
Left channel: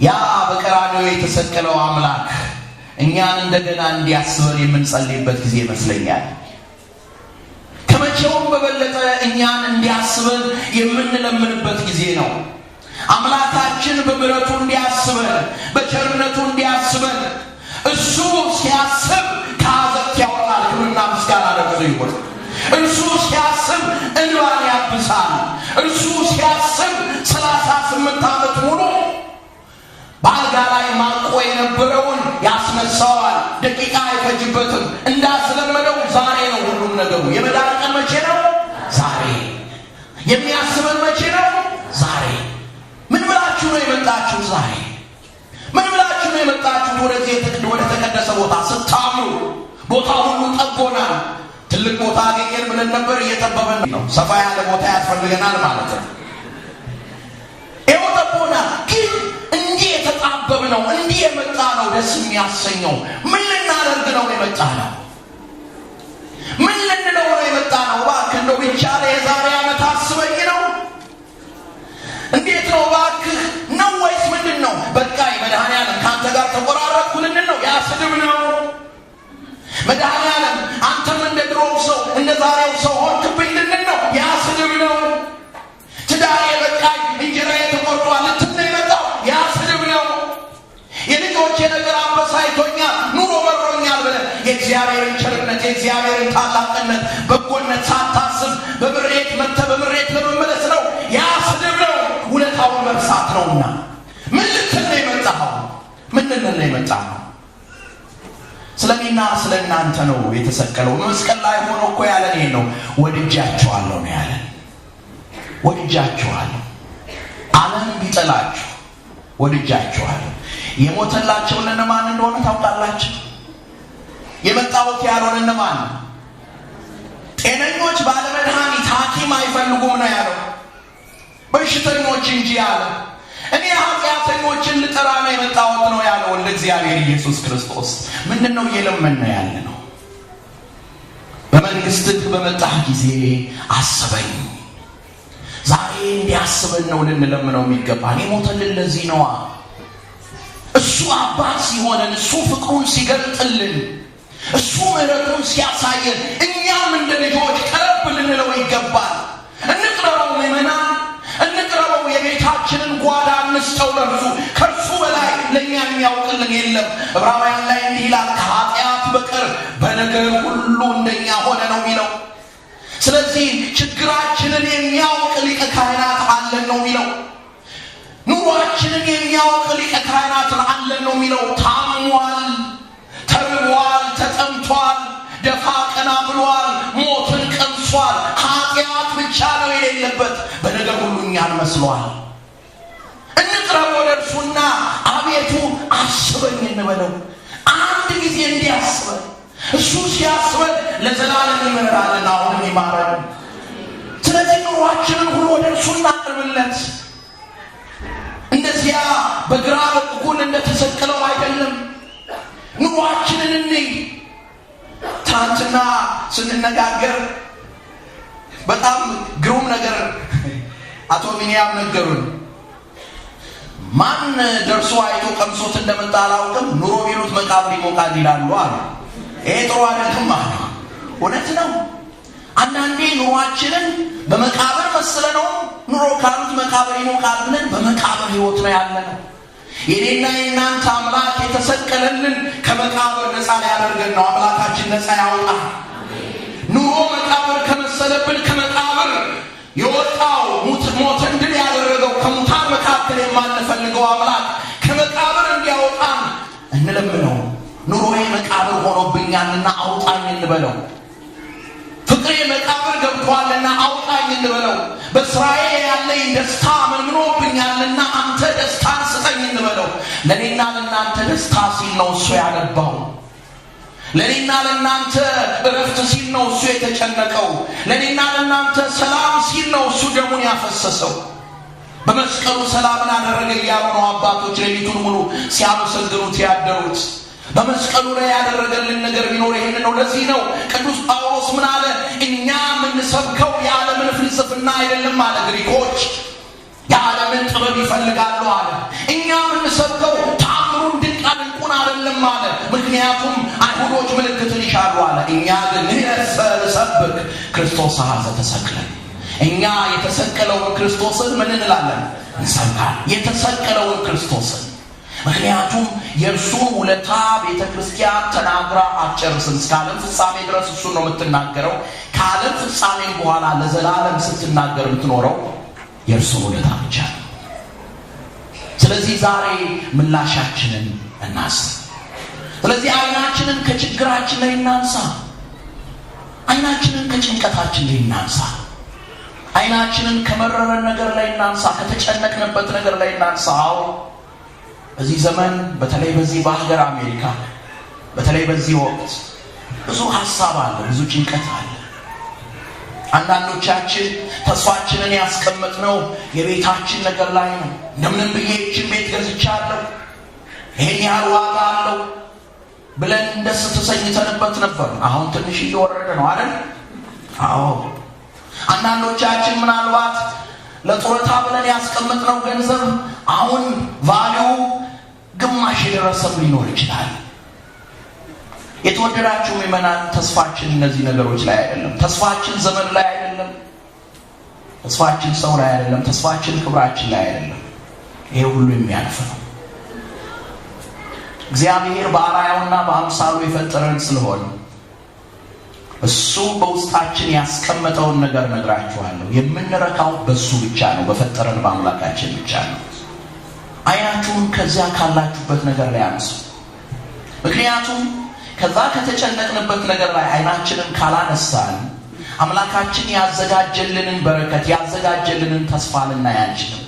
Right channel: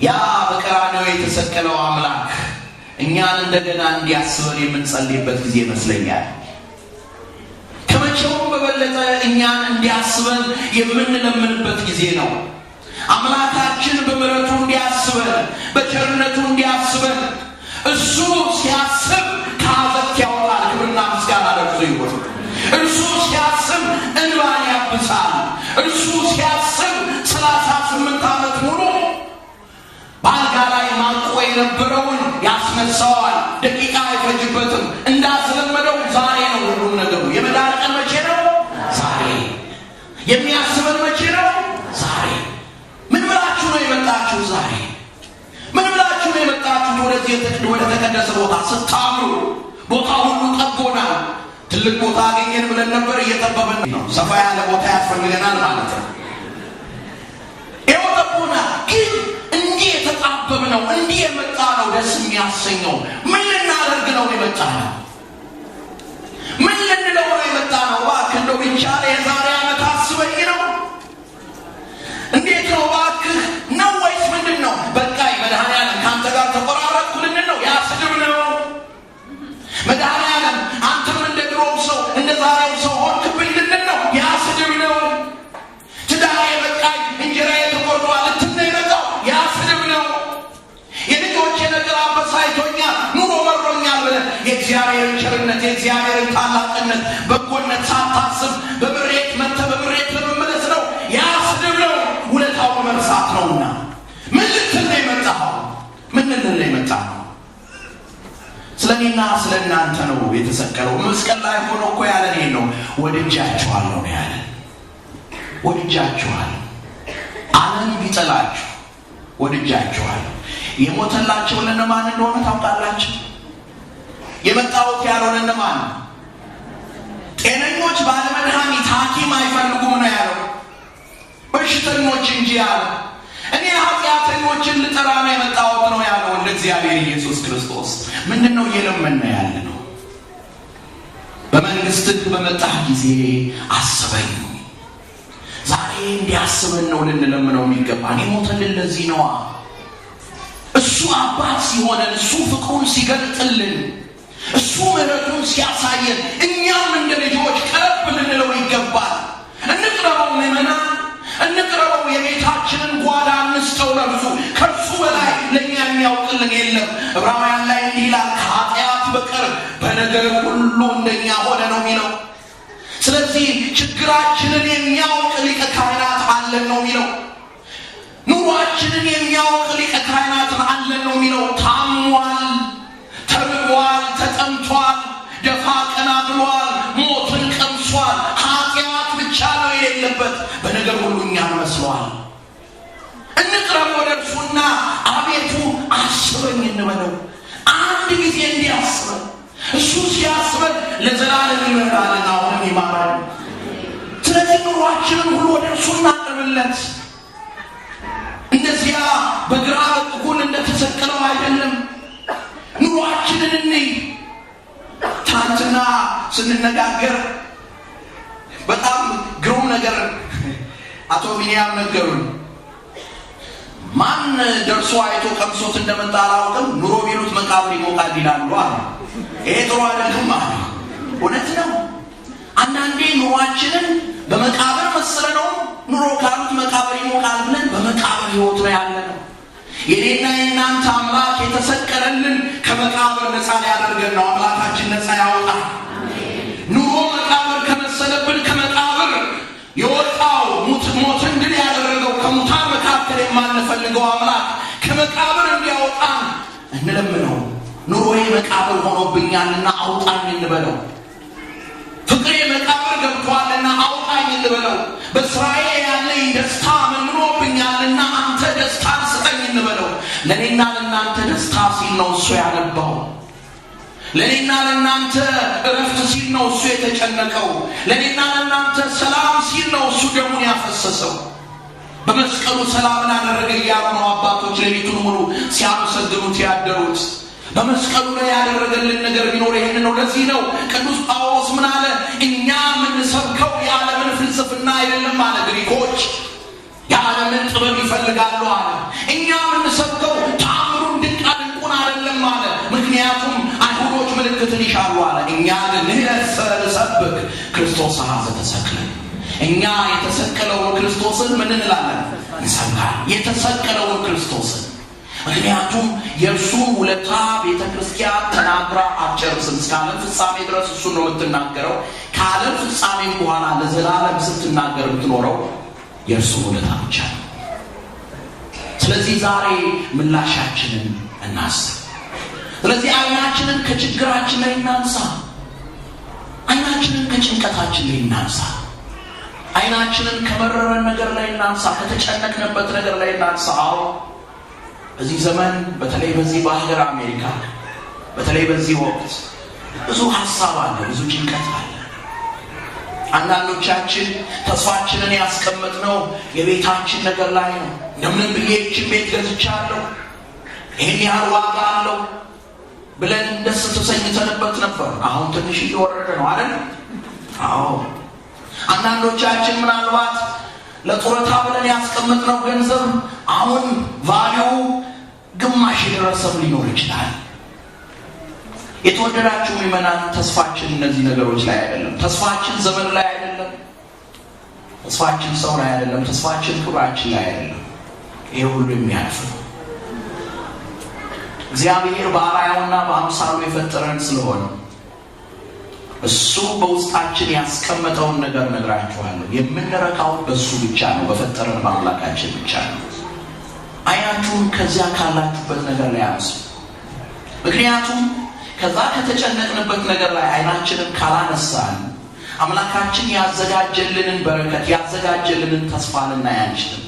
ያ በቀራንዮ የተሰቀለው አምላክ እኛን እንደገና እንዲያስበን የምንጸልይበት ጊዜ ይመስለኛል። ከመቼውም በበለጠ እኛን እንዲያስበን የምንለምንበት ጊዜ ነው። አምላካችን በምሕረቱ እንዲያስበን፣ በቸርነቱ እንዲያስበን። እሱ ሲያስብ ከአዘቅት ያወጣል። ክብርና ምስጋና ለእርሱ ይሁን። እርሱ ሲያስብ እንባን ያብሳል። እርሱ ሲያስብ 38 ዓመት ሙሉ በአልጋ ላይ ማቆ የነበረውን ያስነሳዋል። ደቂቃ አይፈጅበትም። እንዳስለመደው ዛሬ ነው ሁሉም ነገሩ። የመዳን ቀን መቼ ነው? ዛሬ። የሚያስበን መቼ ነው? ዛሬ። ምን ብላችሁ ነው የመጣችሁት? ዛሬ ምን ብላችሁ ነው የመጣችሁት? ወደዚህ ወደ ተቀደሰ ቦታ ስታምሩ ቦታ ሁሉ ጠቦናል። ትልቅ ቦታ አገኘን ብለን ነበር፣ እየጠበበን ነው። ሰፋ ያለ ቦታ ያስፈልገናል ማለት ነው። ይኸው ጠቦናል። ግን እንዲህ የተጣበብ ነው፣ እንዲህ የመጣ ነው ደስ የሚያሰኘው። ምን ልናደርግ ነው የመጣ ነው? ምን ልንለው ነው የመጣ ነው? እባክህ እንደው ቢቻለ የዛሬ ዓመት አስበኝ ነው? እንዴት ነው እባክህ ነው ወይስ ምንድን ነው? በቃኝ መድኃኔዓለም ከአንተ ጋር ተቆራረጥኩ ልንል ነው? ያ ስድብ ነው። መድኃኔዓለም አንተም እንደ ድሮው ሰው እንደ ዛሬው ሰው ሆንክብኝ ልንል ነው? ያ ስድብ ነው። ትዳሬ በቃኝ እንጀራዬ ተቆርጧል ልትል ነው የመጣው? ያ ስድብ ነው። የልጆቼ ነገር አበሳጭቶኛል ኑሮ መሮኛል ብለህ የእግዚአብሔርን ቸርነት የእግዚአብሔርን ታላቅነት በጎነት ሳታስብ በምሬት መጥተህ በምሬት ለመመለስ ነው? ያ ስድብ ነው። ውለታውን መርሳት ነውና ምን ልትል ነው የመጣኸው? ምን ልንል ነው የመጣኸው? ስለኔና ስለ እናንተ ነው የተሰቀለው። መስቀል ላይ ሆኖ እኮ ያለን ይሄን ነው። ወድጃችኋለሁ ነው ያለን። ወድጃችኋለሁ። ዓለም ቢጠላችሁ ወድጃችኋለሁ። የሞተላቸው እነማን እንደሆነ ታውቃላችሁ? የመጣሁት ያለውን እነማን? ጤነኞች ባለመድኃኒት ሐኪም አይፈልጉም ነው ያለው። በሽተኞች እንጂ ያለ። እኔ ኃጢአተኞችን ልጠራ ነው የመጣሁት ነው ያለው እንደ እግዚአብሔር ኢየሱስ ክርስቶስ። ምንድነው እየለመን ነው ያለ ነው? በመንግሥትህ በመጣህ ጊዜ አስበኝ። ዛሬ እንዲያስበን ነው ልንለምነው የሚገባን። የሞተልን ለዚህ ነዋ። እሱ አባት ሲሆነን፣ እሱ ፍቅሩን ሲገልጥልን፣ እሱ ምሕረቱን ሲያሳየን እኛም እንደ ልጆች ቀረብ ልንለው ይገባል። እንቅረበው ምእመናን፣ እንቅረበው። የቤታችንን ጓዳ እንስጠው ለእርሱ። ከእርሱ በላይ ለእኛ የሚያውቅልን የለም። ዕብራውያን ላይ እንዲህ ይላል፣ ከኃጢአት በቀር በነገር ሁሉ እንደኛ ሆነ ነው የሚለው። ስለዚህ ችግራችንን የሚያውቅ ሊቀ ካህናት አለን ነው የሚለው። ኑሯችንን የሚያውቅ ሊቀ ካህናትን አለን ነው የሚለው። ታሟል፣ ተርቧል፣ ተጠምቷል፣ ደፋ ቀና እንበለው። አንድ ጊዜ እንዲያስበን እሱ ሲያስበን ለዘላለም ይመራልና አሁንም ይማራል። ስለዚህ ኑሯችንን ሁሉ ወደ እርሱ እናቅርብለት። እንደዚያ በግራ በኩል እንደተሰቀለው አይደለም። ኑሯችንን እንይ። ትናንትና ስንነጋገር በጣም ግሩም ነገር አቶ ቢንያም ነገሩን። ማን ደርሶ አይቶ ቀምሶት እንደመጣ አላውቅም፣ ኑሮ ቢሉት መቃብር ይሞቃል ይላሉ አለ። ይሄ ጥሩ አይደለም አለ። እውነት ነው። አንዳንዴ ኑሯችንን በመቃብር መስለነው ኑሮ ካሉት መቃብር ይሞቃል ብለን በመቃብር ህይወት ነው ያለነው። የኔና የናንተ አምላክ የተሰቀለልን ከመቃብር ነፃ ሊያደርገን ነው። አምላካችን ነፃ ያውጣ። ኑሮ መቃብር ከመሰለብን ከመቃብር የወጣው ሞትን ድል ያደረገው ከሙታን መካከል የማንፈልገው አምላክ ከመቃብር እንዲያወጣን እንለምነው። ኑሮዬ መቃብር ሆኖብኛልና አውጣኝ እንበለው። ፍቅሬ መቃብር ገብቷልና አውጣኝ እንበለው። በስራዬ ያለኝ ደስታ መንምኖብኛልና አንተ ደስታን ስጠኝ እንበለው። ለኔና ለናንተ ደስታ ሲል ነው እሱ ያነባው። ለኔና ለናንተ እረፍት ሲል ነው እሱ የተጨነቀው። ለኔና ለናንተ ሰላም ሲል ነው እሱ ደሙን ያፈሰሰው። በመስቀሉ ሰላምን አደረገ እያሉ ነው አባቶች ሌሊቱን ሙሉ ሲያመሰግኑት ያደሩት። በመስቀሉ ላይ ያደረገልን ነገር ቢኖር ይሄን ነው። ለዚህ ነው ቅዱስ ጳውሎስ ምን አለ? እኛ የምንሰብከው የዓለምን ፍልስፍና አይደለም አለ። ግሪኮች የዓለምን ጥበብ ይፈልጋሉ አለ። እኛ የምንሰብከው ተአምሩን ድንቁን አይደለም አለ። ምክንያቱም አይሁዶች ምልክትን ይሻሉ አለ። እኛ ግን እንሰብክ ክርስቶስ ሀዘ ተሰቅለ። እኛ የተሰቀለውን ክርስቶስን ምን እንላለን? እንሰብካለን። የተሰቀለውን ክርስቶስን። ምክንያቱም የእርሱን ውለታ ቤተ ክርስቲያን ተናግራ አትጨርስም። እስከ ዓለም ፍጻሜ ድረስ እሱን ነው የምትናገረው። ከዓለም ፍጻሜም በኋላ ለዘላለም ስትናገር የምትኖረው የእርሱን ውለታ ብቻ ነው። ስለዚህ ዛሬ ምላሻችንን እናስብ። ስለዚህ አይናችንን ከችግራችን ላይ እናንሳ። አይናችንን ከጭንቀታችን ላይ እናንሳ። አይናችንን ከመረረን ነገር ላይ እናንሳ። ከተጨነቅንበት ነገር ላይ እናንሳ። በዚህ ዘመን በተለይ በዚህ በሀገር አሜሪካ በተለይ በዚህ ወቅት ብዙ ሐሳብ አለ፣ ብዙ ጭንቀት አለ። አንዳንዶቻችን ተስፋችንን ያስቀመጥነው የቤታችን ነገር ላይ ነው። እንደምንም ብዬ ይህችን ቤት ገዝቻለሁ፣ ይህን ያህል ዋጋ አለው ብለን ደስ ተሰኝተንበት ነበር። አሁን ትንሽ እየወረደ ነው አይደል? አዎ። አንዳንዶቻችን ምናልባት ለጡረታ ብለን ያስቀመጥነው ገንዘብ አሁን ቫልዩ ግማሽ የደረሰም ሊኖር ይችላል። የተወደዳችሁ ምእመናን፣ ተስፋችን እነዚህ ነገሮች ላይ አይደለም። ተስፋችን ዘመን ላይ አይደለም። ተስፋችን ሰው ላይ አይደለም። ተስፋችን ክብራችን ላይ አይደለም። ይሄ ሁሉ የሚያልፍ ነው። እግዚአብሔር በአርአያውና በአምሳሉ የፈጠረን ስለሆነ እሱ በውስጣችን ያስቀመጠውን ነገር ነግራችኋለሁ። የምንረካው በሱ ብቻ ነው፣ በፈጠረን በአምላካችን ብቻ ነው። አይናችሁን ከዚያ ካላችሁበት ነገር ላይ አንሱ። ምክንያቱም ከዛ ከተጨነቅንበት ነገር ላይ አይናችንን ካላነሳን አምላካችን ያዘጋጀልንን በረከት ያዘጋጀልንን ተስፋ ልናይ አንችልም።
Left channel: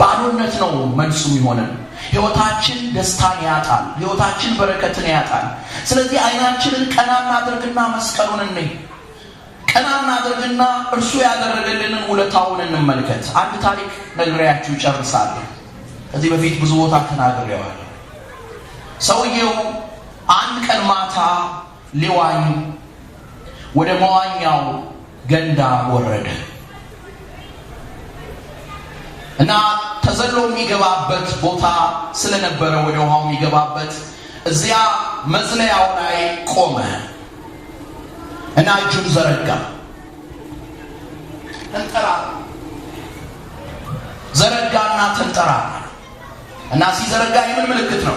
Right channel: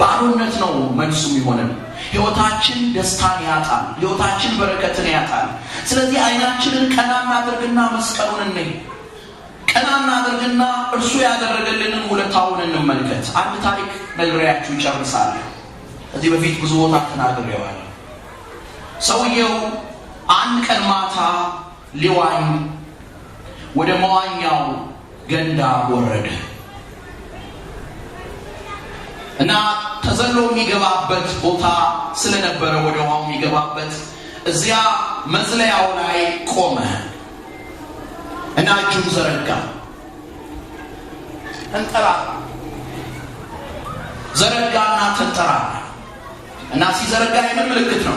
ባዶነት ነው መልሱ የሚሆነን። ሕይወታችን ደስታን ያጣል። ሕይወታችን በረከትን ያጣል። ስለዚህ አይናችንን ቀና እናድርግና መስቀሉን እንይ። ቀና እናድርግና እርሱ ያደረገልንን ውለታውን እንመልከት። አንድ ታሪክ ነግሬያችሁ ይጨርሳለሁ። ከዚህ በፊት ብዙ ቦታ ተናግሬዋለሁ። ሰውየው አንድ ቀን ማታ ሊዋኝ ወደ መዋኛው ገንዳ ወረደ እና ተዘሎ የሚገባበት ቦታ ስለነበረ ወደ ውሃው የሚገባበት እዚያ መዝለያው ላይ ቆመ እና እጁን ዘረጋ። ዘረጋና ተንጠራራ እና ሲዘረጋ የምን ምልክት ነው?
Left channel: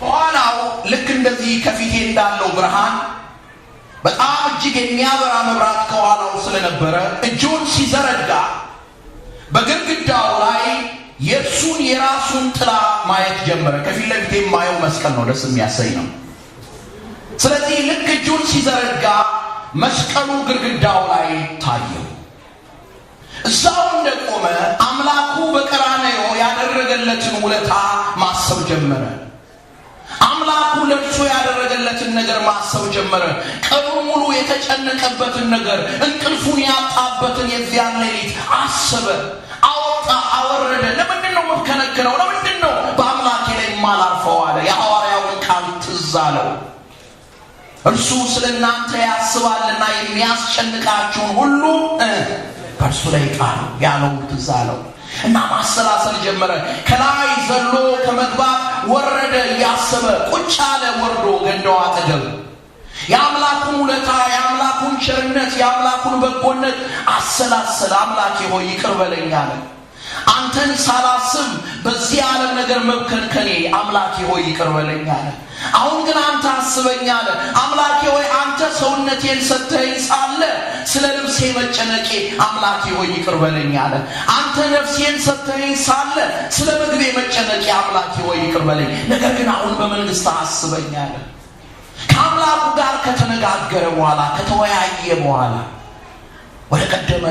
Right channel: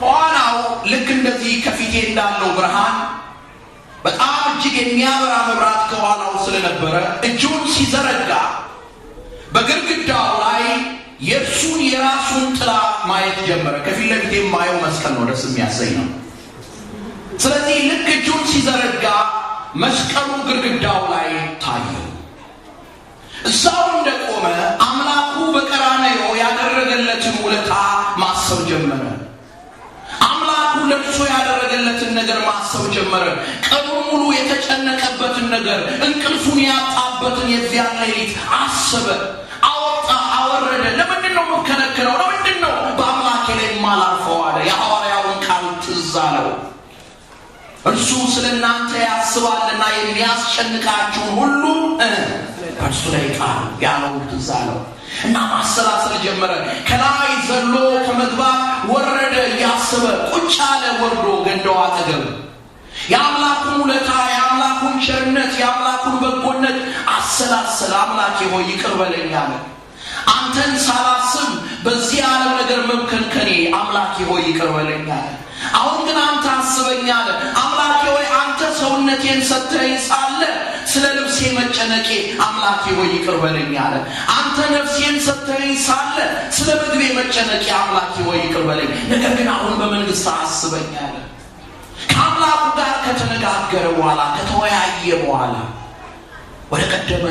ከኋላው ልክ እንደዚህ ከፊቴ እንዳለው ብርሃን በጣም እጅግ የሚያበራ መብራት ከኋላው ስለነበረ እጁን ሲዘረጋ በግድግዳው ላይ የእርሱን የራሱን ጥላ ማየት ጀመረ። ከፊት ለፊት የማየው መስቀል ነው፣ ደስ የሚያሰኝ ነው። ስለዚህ ልክ እጁን ሲዘረጋ መስቀሉ ግድግዳው ላይ ታየው። እዛው እንደቆመ አምላኩ በቀራንዮ ያደረገለትን ውለታ ማሰብ ማሰብ ጀመረ። አምላኩ ለእርሱ ያደረገለትን ነገር ማሰብ ጀመረ። ቀኑን ሙሉ የተጨነቀበትን ነገር፣ እንቅልፉን ያጣበትን የዚያን ሌሊት አሰበ። አወጣ አወረደ። ለምንድን ነው የምከነክነው? ለምንድን ነው በአምላኬ ላይ የማላርፈው አለ። የሐዋርያውን ቃል ትዝ አለው። እርሱ ስለ እናንተ ያስባልና የሚያስጨንቃችሁን ሁሉ በእርሱ ላይ ጣሉ ያለው ትዝ አለው እና ማሰላሰል ጀመረ። ከላይ ዘሎ ከመግባት ወረደ እያሰበ ቁጭ አለ። ወርዶ ገንዳው አጠገብ የአምላኩን ውለታ፣ የአምላኩን ቸርነት፣ የአምላኩን በጎነት አሰላሰለ። አምላኬ ሆይ ይቅር በለኝ አለ። አንተን ሳላስብ በዚህ ዓለም ነገር መብከንከኔ አምላኬ ሆይ ይቅር በለኝ አለ። አሁን ግን አንተ አስበኝ አለ። አምላኬ ሆይ አንተ ሰውነቴን ሰጥተኸኝ ሳለ ስለ ልብሴ መጨነቄ አምላኬ ሆይ ይቅር በለኝ አለ። አንተ ነፍሴን ሰጥተኸኝ ሳለ ስለ ምግቤ መጨነቄ አምላኬ ሆይ ይቅር በለኝ፣ ነገር ግን አሁን በመንግስት አስበኝ አለ። ከአምላኩ ጋር ከተነጋገረ በኋላ ከተወያየ በኋላ ወደ ቀደመ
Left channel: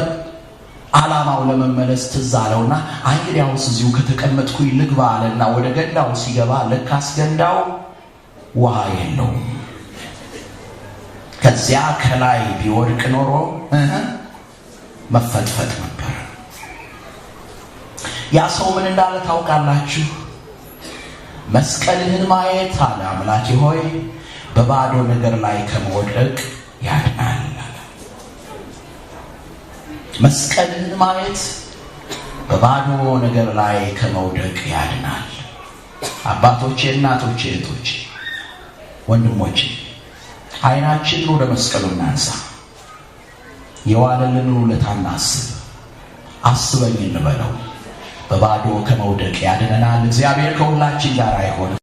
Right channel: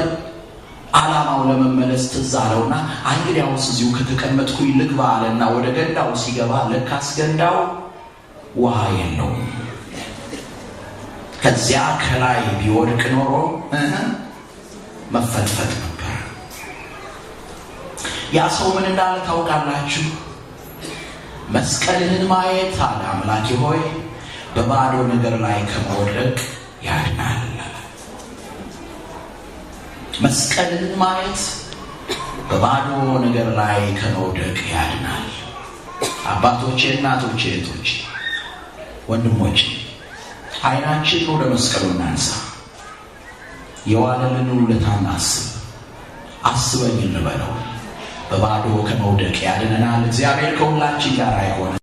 ዓላማው ለመመለስ ትዝ አለውና እንግዲያውስ እዚሁ ከተቀመጥኩኝ ልግባ አለና ወደ ገንዳው ሲገባ ለካስ ገንዳው ውሃ የለውም። ከዚያ ከላይ ቢወድቅ ኖሮ መፈትፈት ነበር። ያ ሰው ምን እንዳለ ታውቃላችሁ? መስቀልህን ማየት አለ አምላኬ ሆይ በባዶ ነገር ላይ ከመውደቅ ያድናል። መስቀልህን ማየት በባዶ ነገር ላይ ከመውደቅ ያድናል። አባቶቼ፣ እናቶቼ፣ እህቶቼ፣ ወንድሞቼ አይናችንን ወደ መስቀሉ እናንሳ። የዋለልን ውለታ እናስብ። አስበኝ እንበለው። በባዶ ከመውደቅ ያድነናል። እግዚአብሔር ከሁላችን ጋር ይሁን።